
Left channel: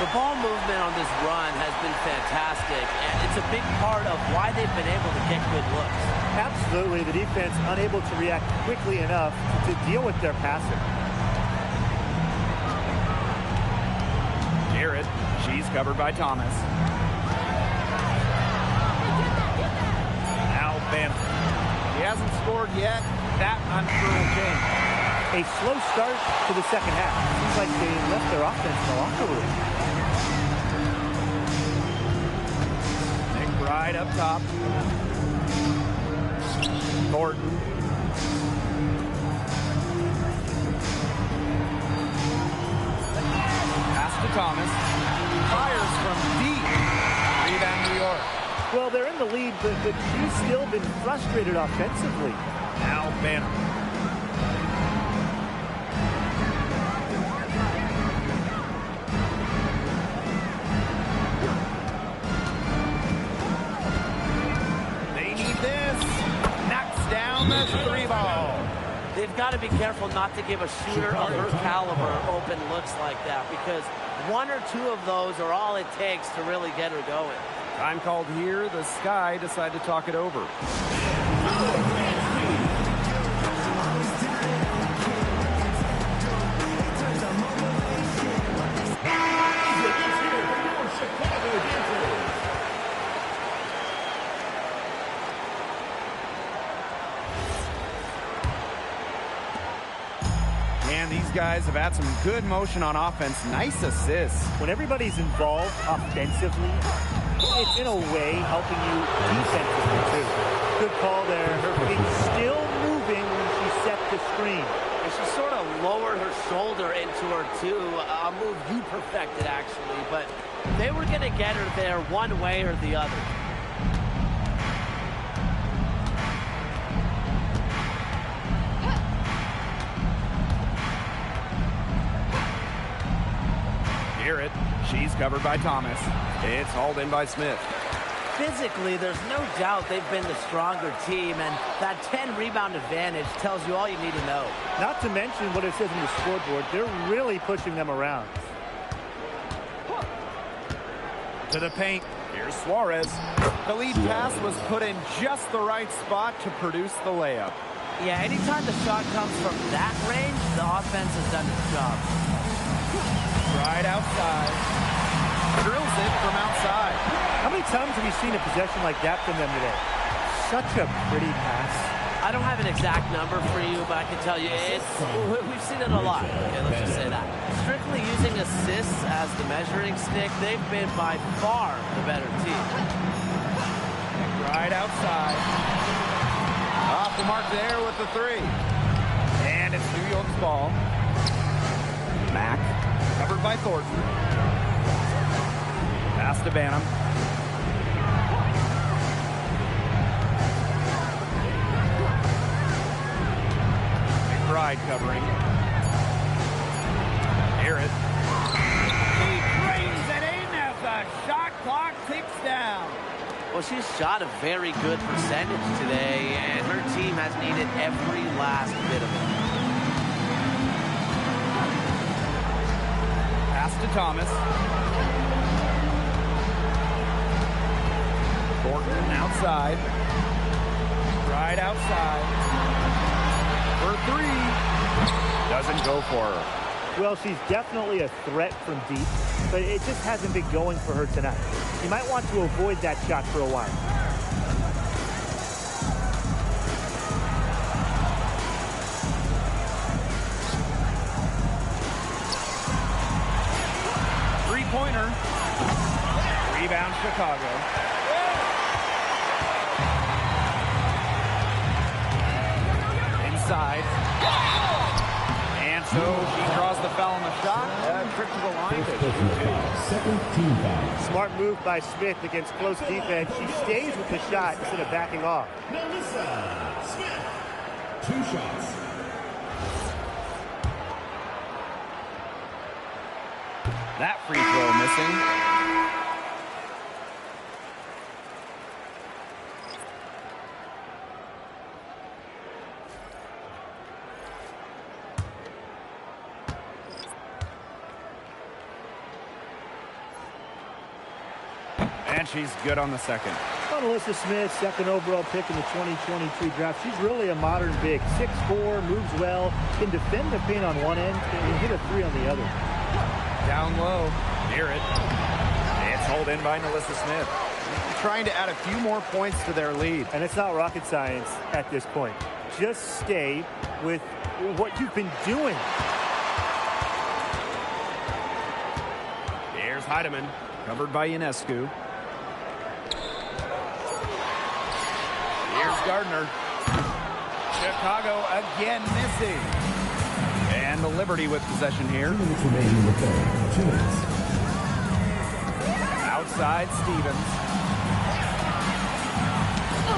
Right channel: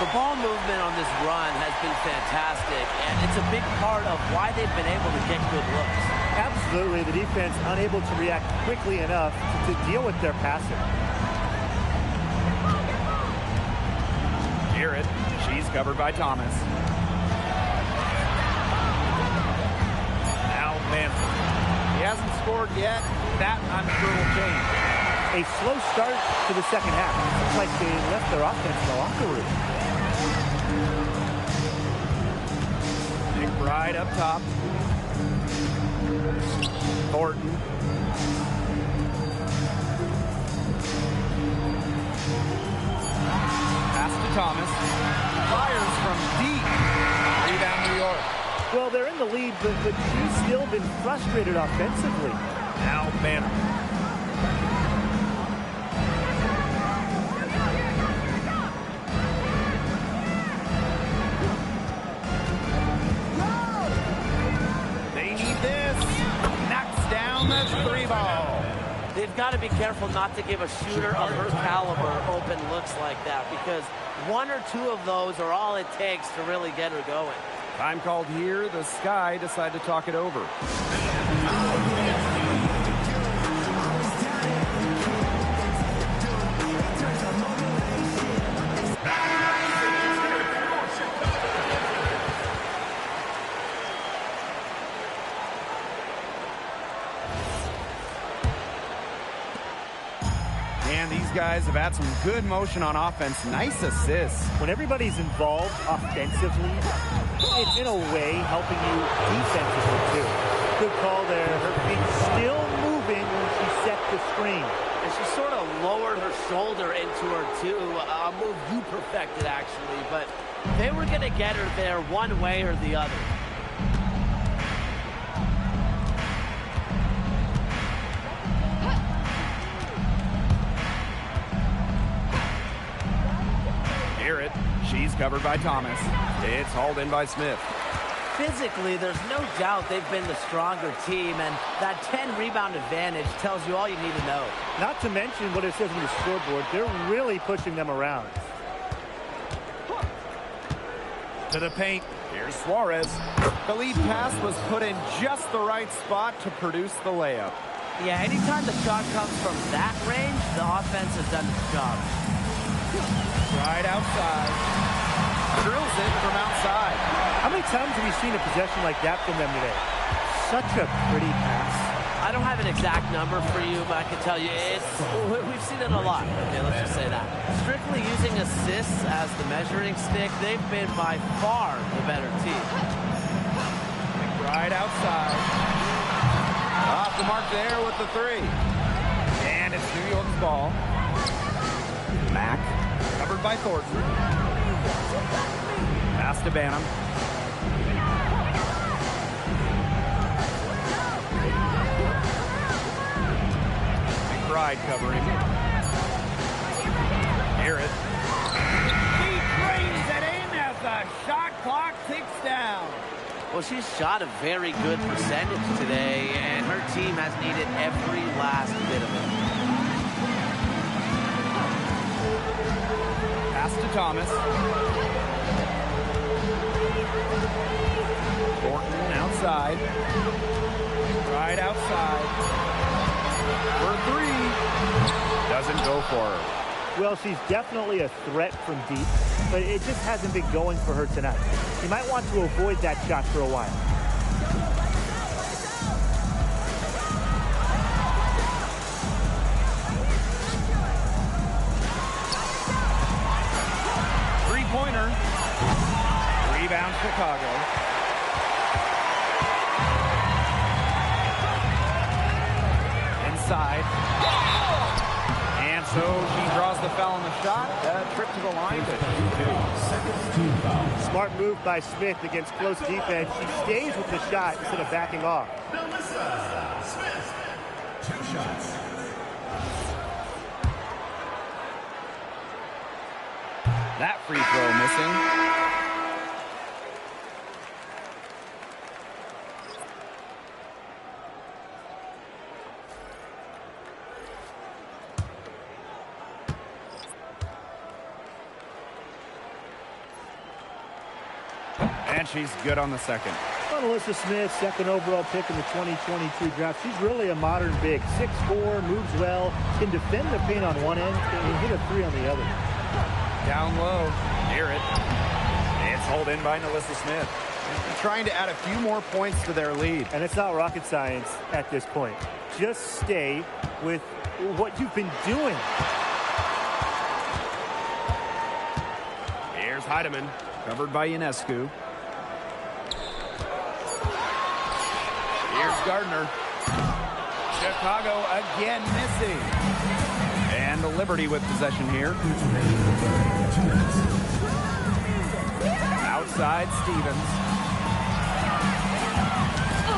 The ball movement on this run has been fantastic, and it's a big part of why they've been able to get good looks. Absolutely, the defense unable to react quickly enough to deal with their passing. Garrett, she's covered by Thomas. Now Banham. He hasn't scored yet. That, I'm sure, will change. A slow start to the second half. Seems like they left their offense in the locker room. McBride up top. Thornton. Pass to Thomas. Fires from deep. Rebound New York. Well, they're in the lead, but she's still been frustrated offensively. Now Banham. They need this. Knocks down the 3-ball. They've got to be careful not to give a shooter of her caliber open looks like that, because one or two of those are all it takes to really get her going. Time called here. The Sky decide to talk it over. And these guys have had some good motion on offense. Nice assists. When everybody's involved offensively, it's in a way helping you defensively too. Good call there. Her feet still moving when she set the screen. And she sort of lowered her shoulder into her too. A move you perfected, actually. But they were going to get her there one way or the other. Garrett. She's covered by Thomas. It's hauled in by Smith. Physically, there's no doubt they've been the stronger team, and that 10-rebound advantage tells you all you need to know. Not to mention what it says on the scoreboard. They're really pushing them around. To the paint. Here's Suarez. The lead pass was put in just the right spot to produce the layup. Yeah, anytime the shot comes from that range, the offense has done its job. Right outside. Drills it from outside. How many times have you seen a possession like that from them today? Such a pretty pass. I don't have an exact number for you, but I can tell you we've seen it a lot. Okay, let's just say that. Strictly using assists as the measuring stick, they've been by far the better team. Right outside. Off the mark there with the 3. And it's New York's ball. Mack. Covered by Thornton. Pass to Banham. McBride covering. Garrett. He drains it in as the shot clock ticks down. Well, she's shot a very good percentage today, and her team has needed every last bit of it. Pass to Thomas. Thornton outside. Right outside. For 3. Doesn't go for her. Well, she's definitely a threat from deep, but it just hasn't been going for her tonight. She might want to avoid that shot for a while. Three-pointer. Rebound Chicago. Inside. And so she draws the foul on the shot. Trip to the line to shoot 2. Second team foul. Smart move by Smith against close defense. She stays with the shot instead of backing off. Melissa Smith. 2 shots. That free throw missing. And she's good on the second. Well, Melissa Smith, second overall pick in the 2022 draft. She's really a modern big. 6'4", moves well, can defend the paint on one end, and hit a 3 on the other. Down low. Garrett. It's hauled in by Melissa Smith. Trying to add a few more points to their lead. And it's not rocket science at this point. Just stay with what you've been doing. Here's Heidemann. Covered by Ionescu. Here's Gardner. Chicago again missing. And the Liberty with possession here. 2 minutes remaining in the third. 2 minutes. Outside Stevens.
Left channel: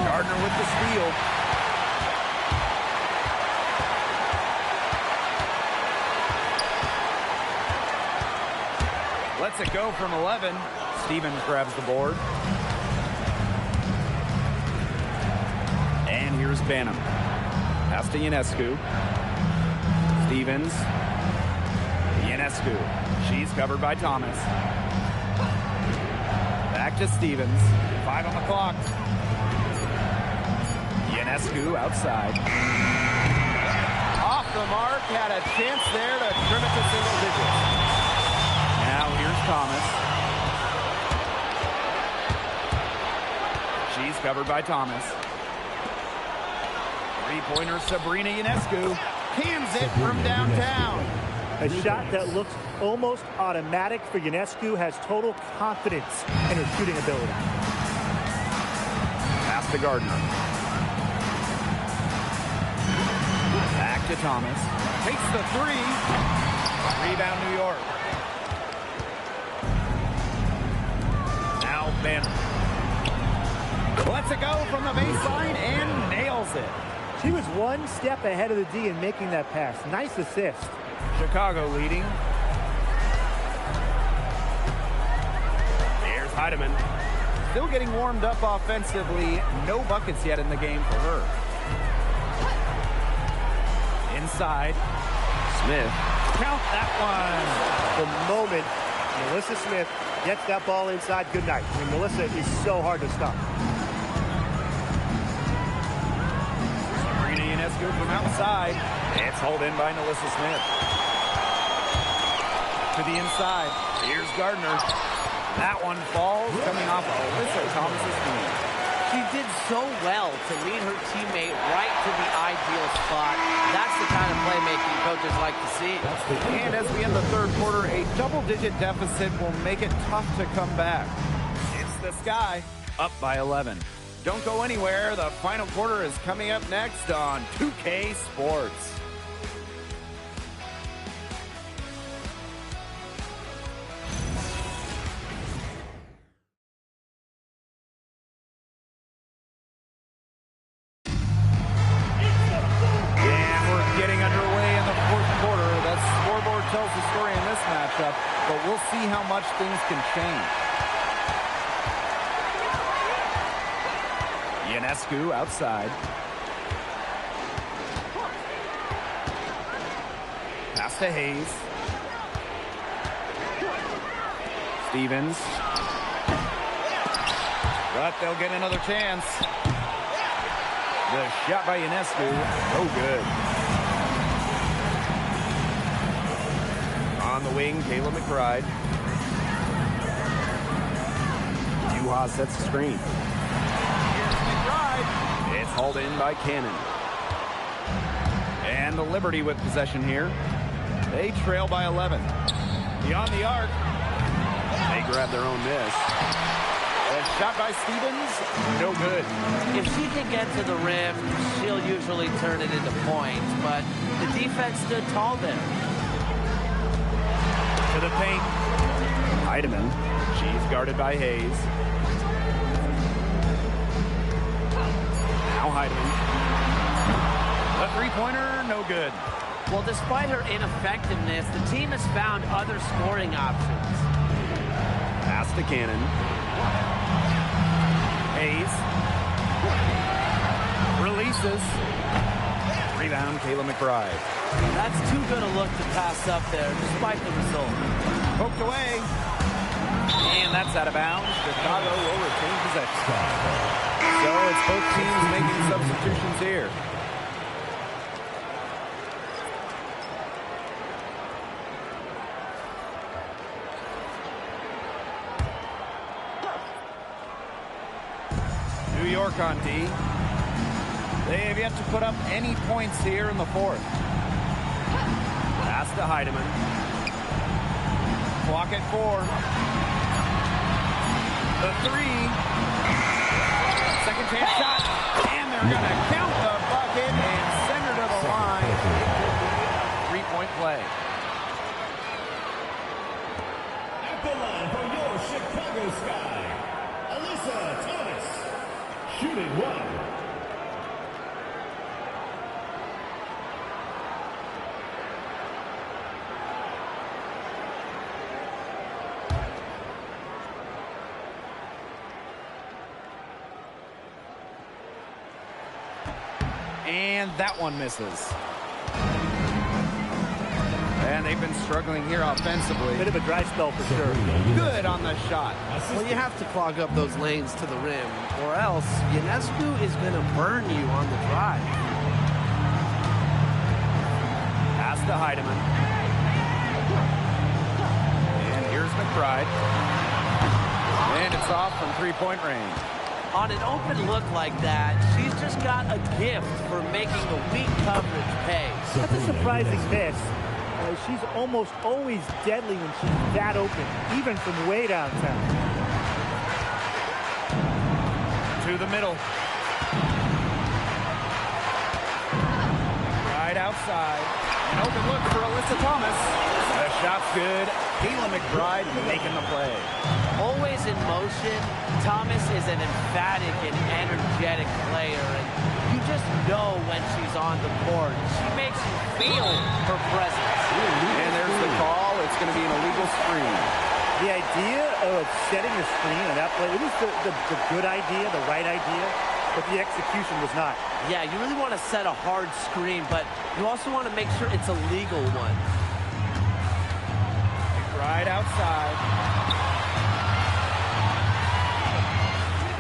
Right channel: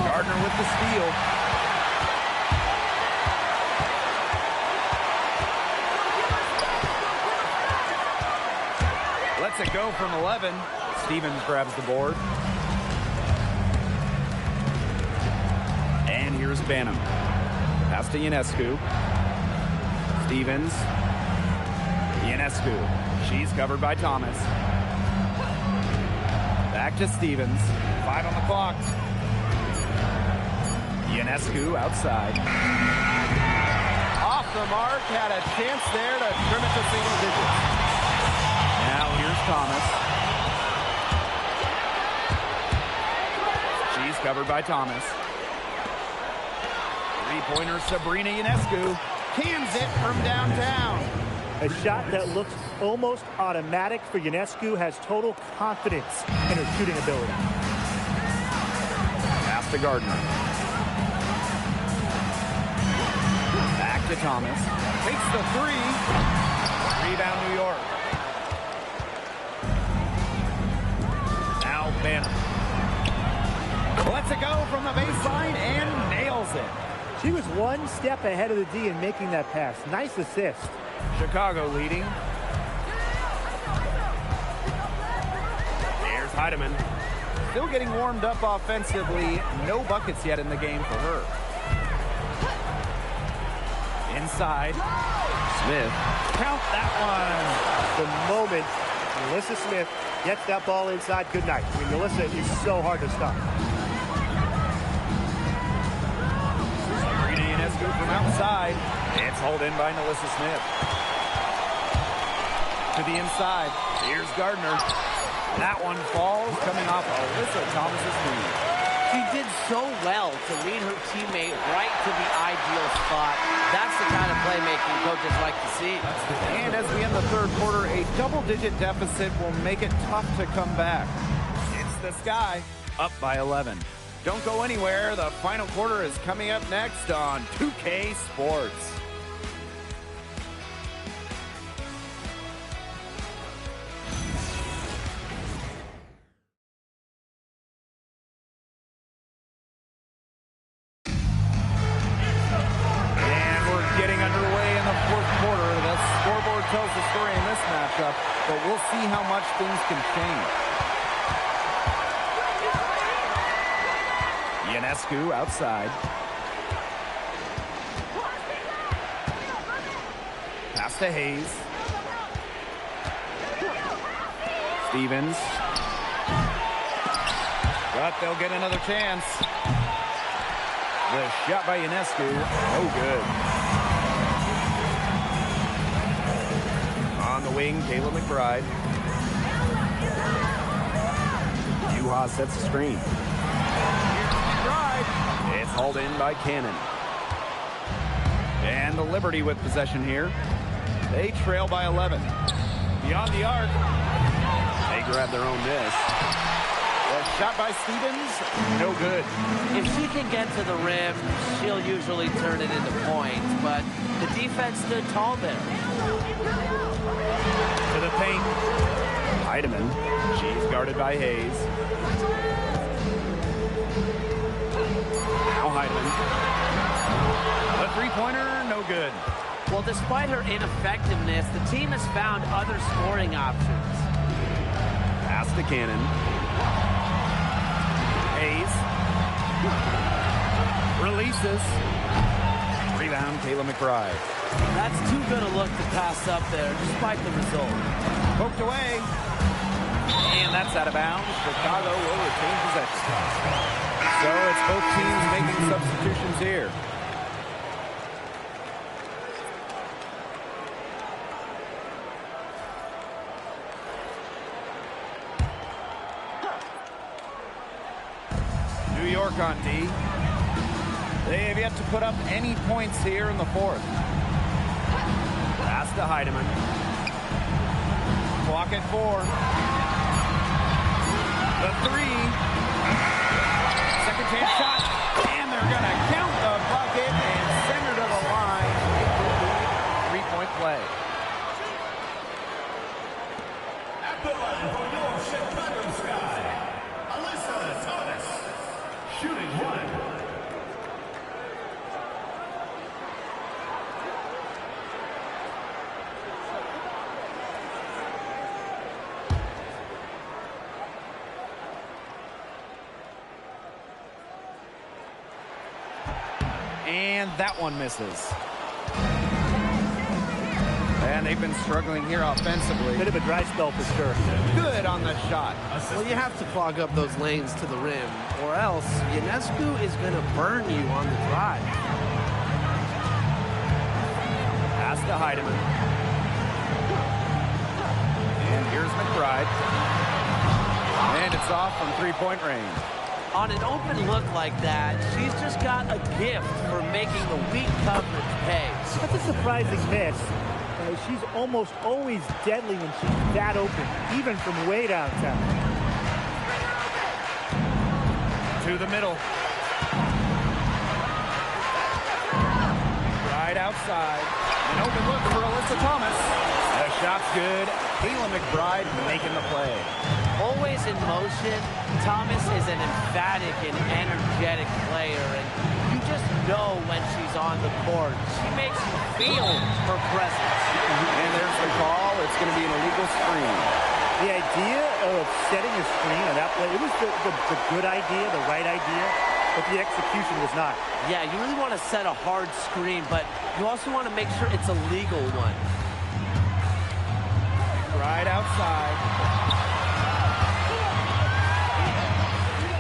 Gardner with the steal. Lets it go from 11. Stevens grabs the board. And here's Banham. Pass to Ionescu. Stevens. Ionescu. She's covered by Thomas. Back to Stevens. 5 on the clock. Ionescu outside. Off the mark. Had a chance there to trim it to single digits. Now here's Thomas. She's covered by Thomas. Three-pointer Sabrina Ionescu cans it from downtown. A shot that looks almost automatic for Ionescu, has total confidence in her shooting ability. Pass to Gardner. Back to Thomas. Takes the three. Rebound New York. Now Banner. Lets it go from the baseline and nails it. She was one step ahead of the D in making that pass. Nice assist. Chicago leading. Here's Heidemann. Still getting warmed up offensively. No buckets yet in the game for her. Inside. Smith. Count that one. The moment Melissa Smith gets that ball inside, good night. I mean, Melissa is so hard to stop. Sabrina Ionescu from outside. It's hauled in by Melissa Smith. To the inside. Here's Gardner. That one falls, coming off Alyssa Thomas's feet. She did so well to lead her teammate right to the ideal spot. That's the kind of playmaking coaches like to see. And as we end the third quarter, a double-digit deficit will make it tough to come back. It's the Sky, up by 11. Don't go anywhere. The final quarter is coming up next on 2K Sports. Getting underway in the fourth quarter. The scoreboard tells the story in this matchup, but we'll see how much things can change. Ionescu outside. Pass to Hayes. Stevens. But they'll get another chance. The shot by Ionescu, no good. On the wing, Kayla McBride. Juha sets the screen. Here's McBride. It's hauled in by Cannon. And the Liberty with possession here. They trail by 11. Beyond the arc. They grab their own miss. The shot by Stevens, no good. If she can get to the rim, she'll usually turn it into points, but the defense stood tall there. To the paint. Heidemann. She's guarded by Hayes. Now Heidemann. The three-pointer, no good. Well, despite her ineffectiveness, the team has found other scoring options. Pass to Cannon. Hayes. Releases. Rebound, Kayla McBride. That's too good a look to pass up there, despite the result. Poked away. And that's out of bounds. Chicago will retain possession. So it's both teams making substitutions here. New York on D. They have yet to put up any points here in the fourth. Pass to Heidemann. Clock at 4. The three. Second chance shot. And they're going to count the bucket and send her to the line. It could be a three-point play. At the line from your Chicago Sky, Alyssa Thomas, shooting one. And that one misses. And they've been struggling here offensively. Bit of a dry spell for sure. Good on the shot. Well, you have to clog up those lanes to the rim, or else Ionescu is going to burn you on the drive. Pass to Heidemann. And here's McBride. And it's off from three-point range. On an open look like that, she's just got a gift for making the weak coverage pay. That's a surprising miss. She's almost always deadly when she's that open, even from way downtown. To the middle. Right outside. An open look for Alyssa Thomas. The shot's good. Kayla McBride making the play. Always in motion, Thomas is an emphatic and energetic player, and you just know when she's on the court. She makes you feel her presence. And there's the call. It's going to be an illegal screen. The idea of setting a screen on that play, it was the good idea, the right idea, but the execution was not. Yeah, you really want to set a hard screen, but you also want to make sure it's a legal one. Right outside.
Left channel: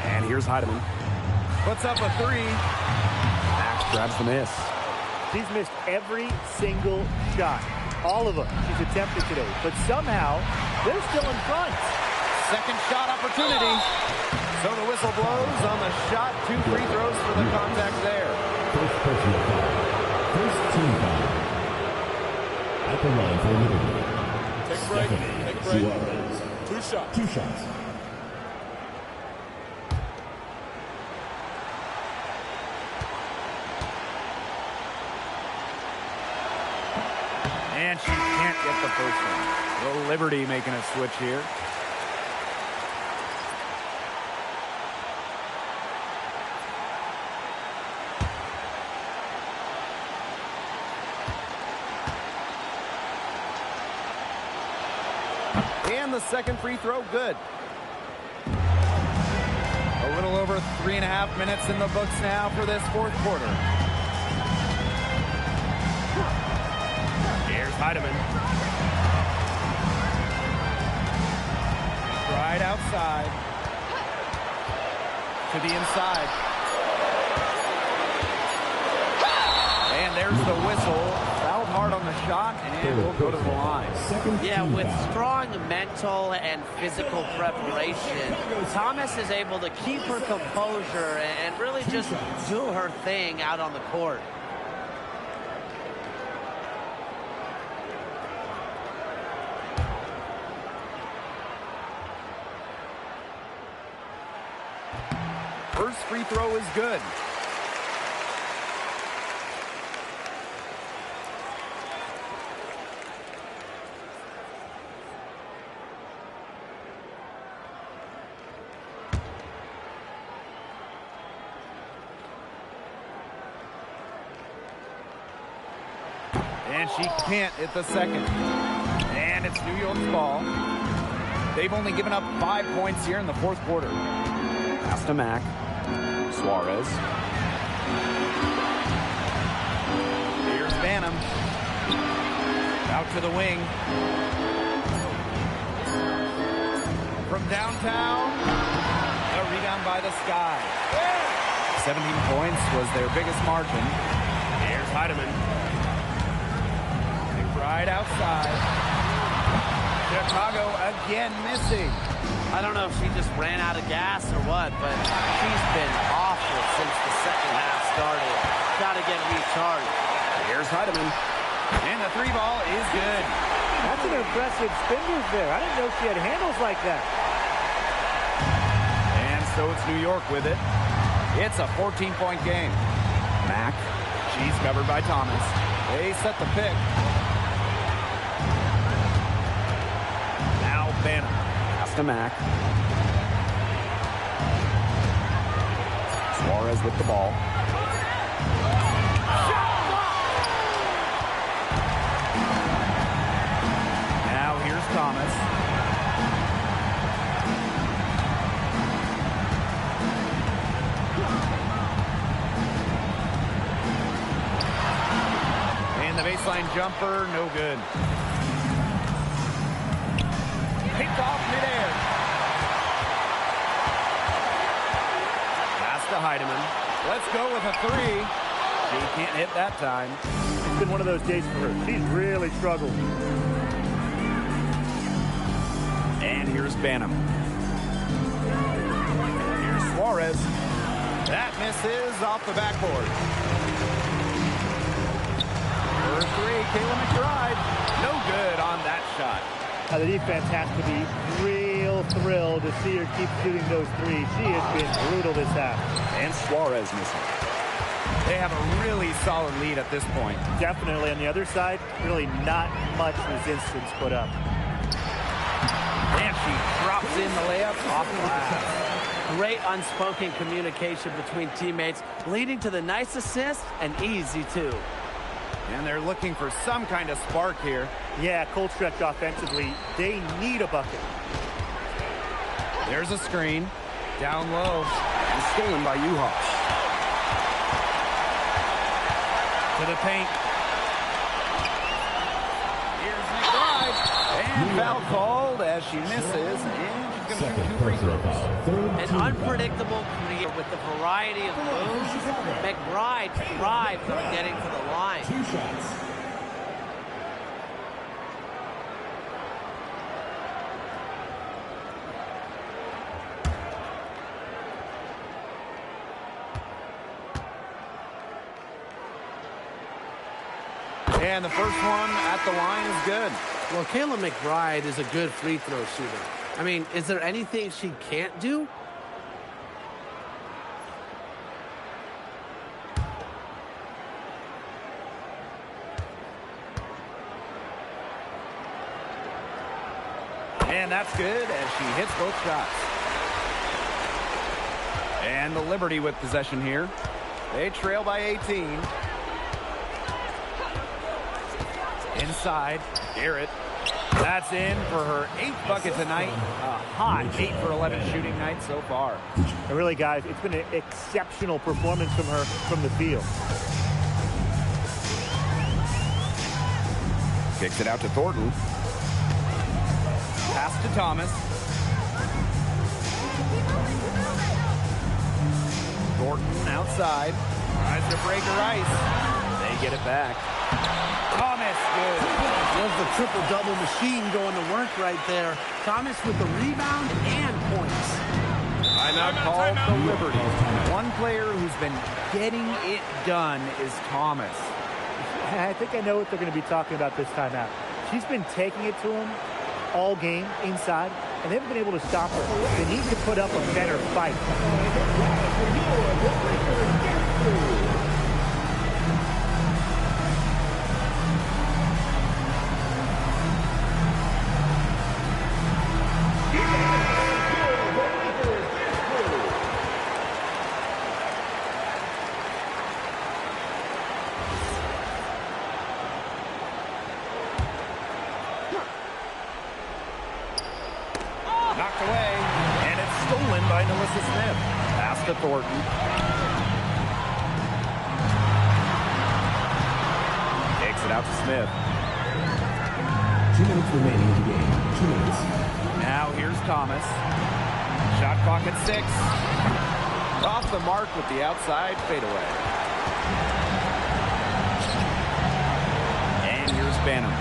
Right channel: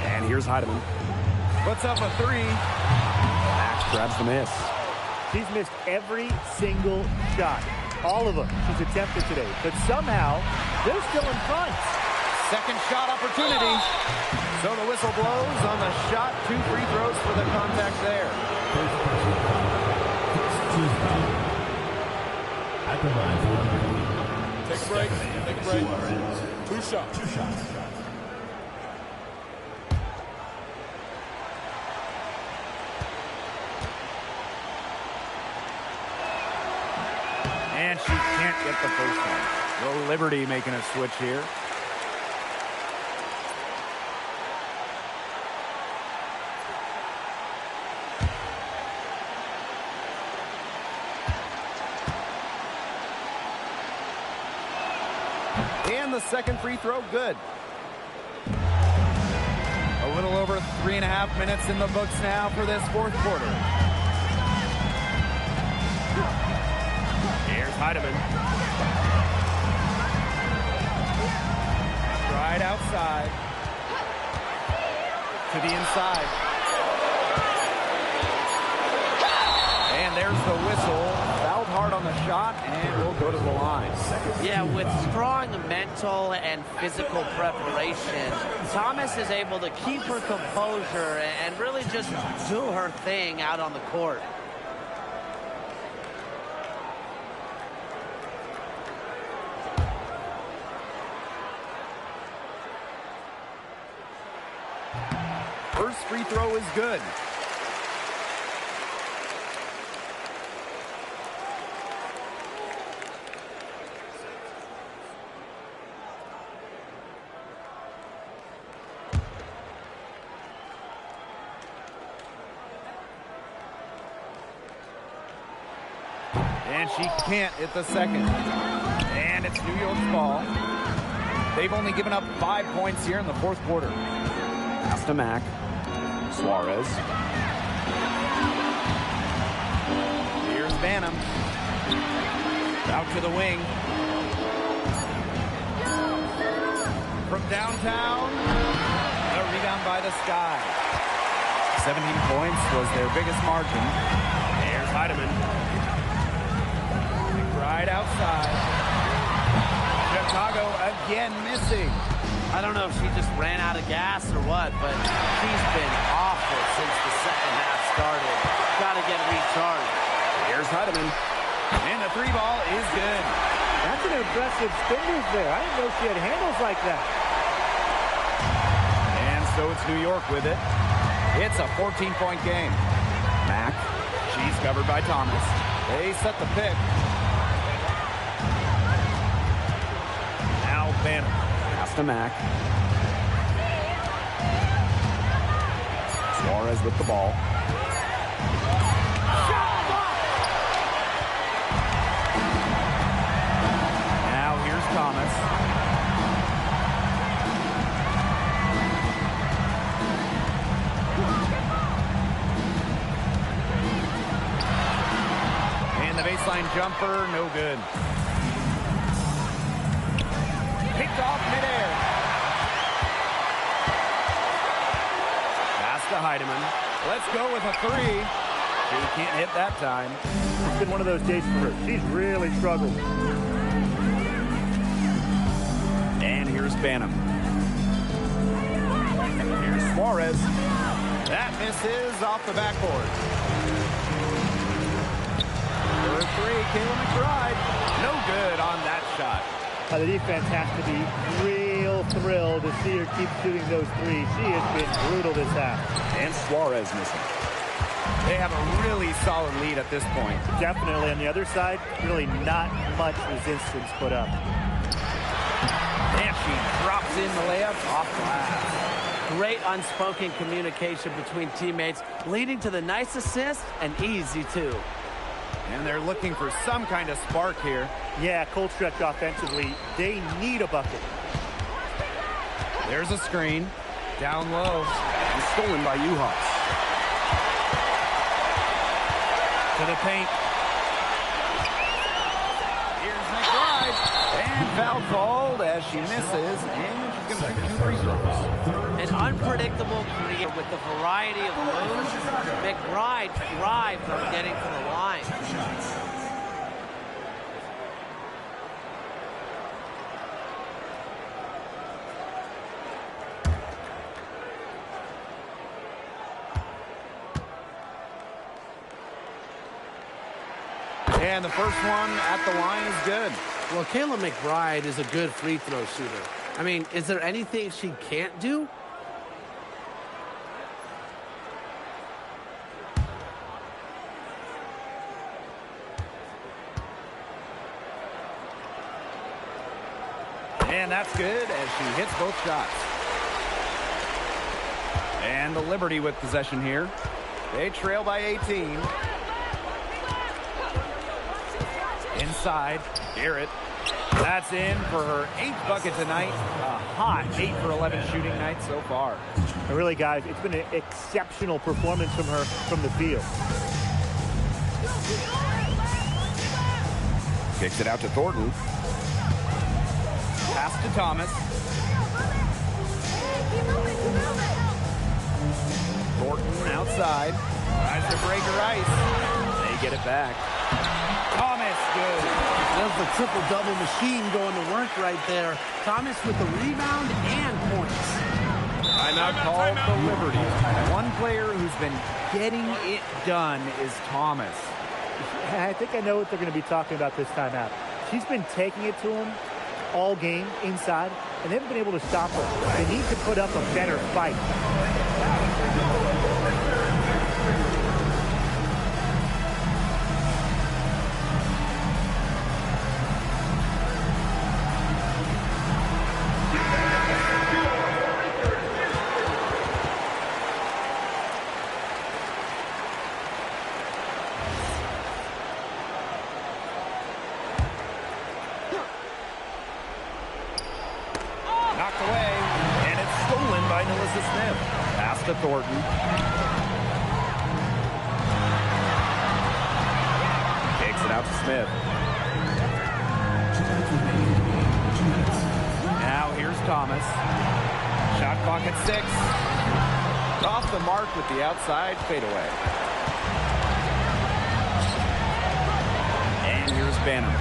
And here's Heidemann. Puts up a three. Max grabs the miss. She's missed every single shot. All of them she's attempted today. But somehow, they're still in front. Second shot opportunity. So the whistle blows on the shot. 2 free throws for the contact there. First personal foul. First team foul. At the line for Liberty. Take a break. Take a break. Suarez. 2 shots. 2 shots. And she can't get the first one. The Liberty making a switch here. And the second free throw, good. A little over 3.5 minutes in the books now for this fourth quarter. Here's Heidemann. Right outside. To the inside. And there's the whistle. Fouled hard on the shot, and we'll go to the line. Yeah, with strong mental and physical preparation, Thomas is able to keep her composure and really just do her thing out on the court. First free throw is good. And she can't hit the second. And it's New York's ball. They've only given up 5 points here in the fourth quarter. Pass to Mack. Suarez. Here's Banham. Out to the wing. From downtown, a rebound by the Sky. 17 points was their biggest margin. Here's Heidemann. McBride outside. Chicago again missing. I don't know if she just ran out of gas or what, but she's been awful since the second half started. Got to get recharged. Here's Heidemann. And the three ball is good. That's an impressive spin move there. I didn't know she had handles like that. And so it's New York with it. It's a 14-point game. Mack. She's covered by Thomas. They set the pick. Now Banham. Pass to Mack. Suarez with the ball. Now here's Thomas. And the baseline jumper, no good. Picked off midair. Pass to Heidemann. Let's go with a three. She can't hit that time. It's been one of those days for her. She's really struggled. And here's Banham. Here's Suarez. That misses off the backboard. For three, Kayla McBride. No good on that shot. The defense has to be real thrilled to see her keep shooting those threes. She has been brutal this half. And Suarez missing. They have a really solid lead at this point. Definitely. On the other side, really not much resistance put up. And she drops in the layup off glass. Great unspoken communication between teammates, leading to the nice assist and easy two. And they're looking for some kind of spark here. Yeah, cold stretch offensively. They need a bucket. There's a screen. Down low. And stolen by Uhas. To the paint. Here's McBride. And foul called as she misses. And she's going to shoot 2 free throws. An unpredictable creator with the variety of moves. McBride thrives on getting to the line. 2 shots. And the first one at the line is good. Well, Kayla McBride is a good free throw shooter. I mean, is there anything she can't do? And that's good as she hits both shots. And the Liberty with possession here. They trail by 18. Inside, Garrett. That's in for her 8th bucket tonight. A hot 8 for 11 shooting night so far. And really, guys, it's been an exceptional performance from her from the field. Kicks it out to Thornton. Pass to Thomas. Thornton outside. Tries to break her ice. They get it back. Thomas, good. There's the triple-double machine going to work right there. Thomas with the rebound and points. Timeout called the Liberty. One player who's been getting it done is Thomas. I think I know what they're going to be talking about this timeout. She's been taking it to him all game inside, and they haven't been able to stop her. They need to put up a better fight. Knocked away, and it's stolen by Melissa Smith. Pass to Thornton. Takes it out to Smith. 2 minutes remaining in the game. 2 minutes. Now here's Thomas. Shot clock at 6. Off the mark with the outside fadeaway. And here's Banham.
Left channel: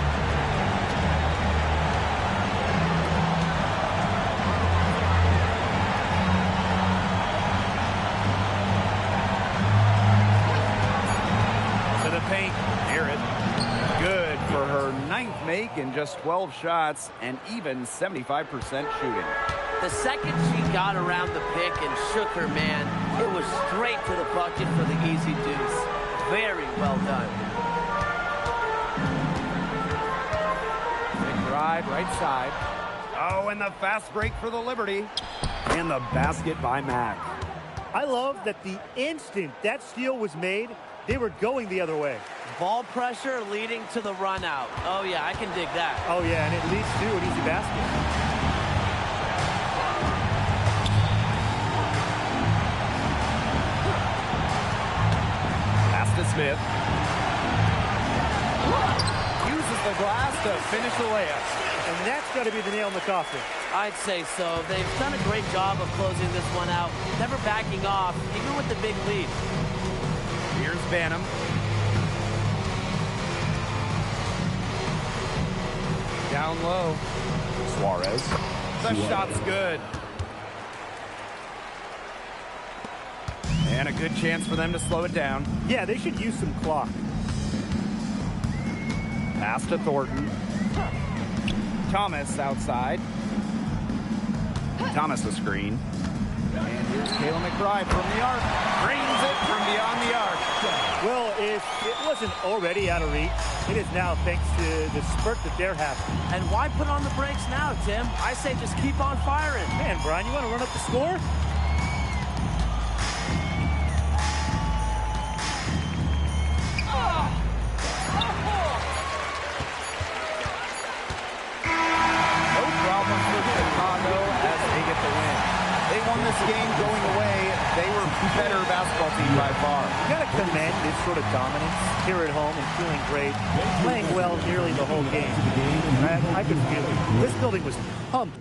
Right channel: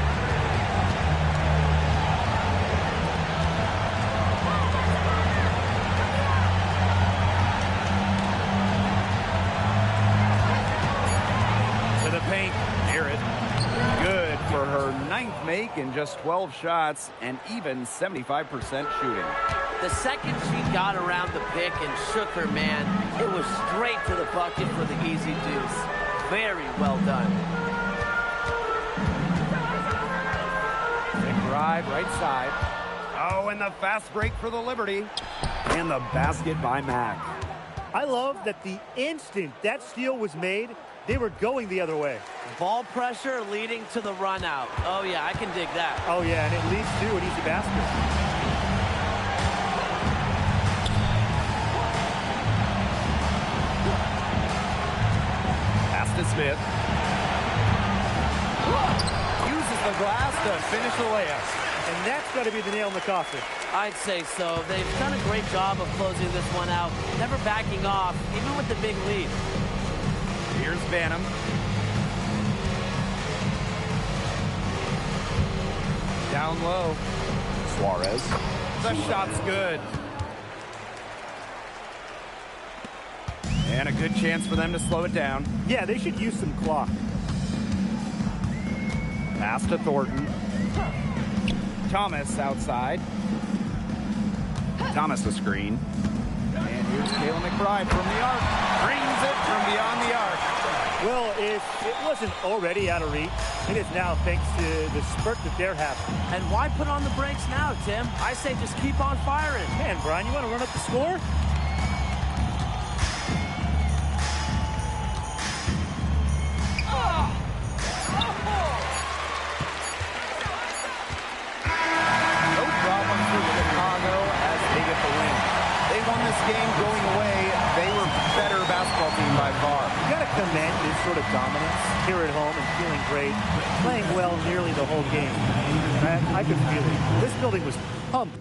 To the paint, Garrett. Good for her 9th make in just 12 shots and even 75% shooting. The second she got around the pick and shook her man, It was straight to the bucket for the easy deuce. Very well done. McBride, right side. Oh, and the fast break for the Liberty. And the basket by Mack. I love that the instant that steal was made, they were going the other way. Ball pressure leading to the run out. Oh, yeah, I can dig that. Oh, yeah, and it leads to an easy basket. Pass to Smith. Uses the glass to finish the layup. And that's got to be the nail in the coffin. I'd say so. They've done a great job of closing this one out, never backing off, even with the big lead. Here's Banham. Down low. Suarez. The shot's good. And a good chance for them to slow it down. Yeah, they should use some clock. Pass to Thornton. Thomas outside. Thomas a screen. And here's Kayla McBride from the arc. Drains it from beyond the arc. Well, if it wasn't already out of reach, it is now thanks to the spurt that they're having. And why put on the brakes now, Tim? I say just keep on firing. Man, Brian, you want to run up the score? No problem for Chicago as they get the win. They won this game going away. They were better basketball team by far. You got to commend this sort of dominance here at home and feeling great, playing well nearly the whole game. And I could feel it. This building was pumped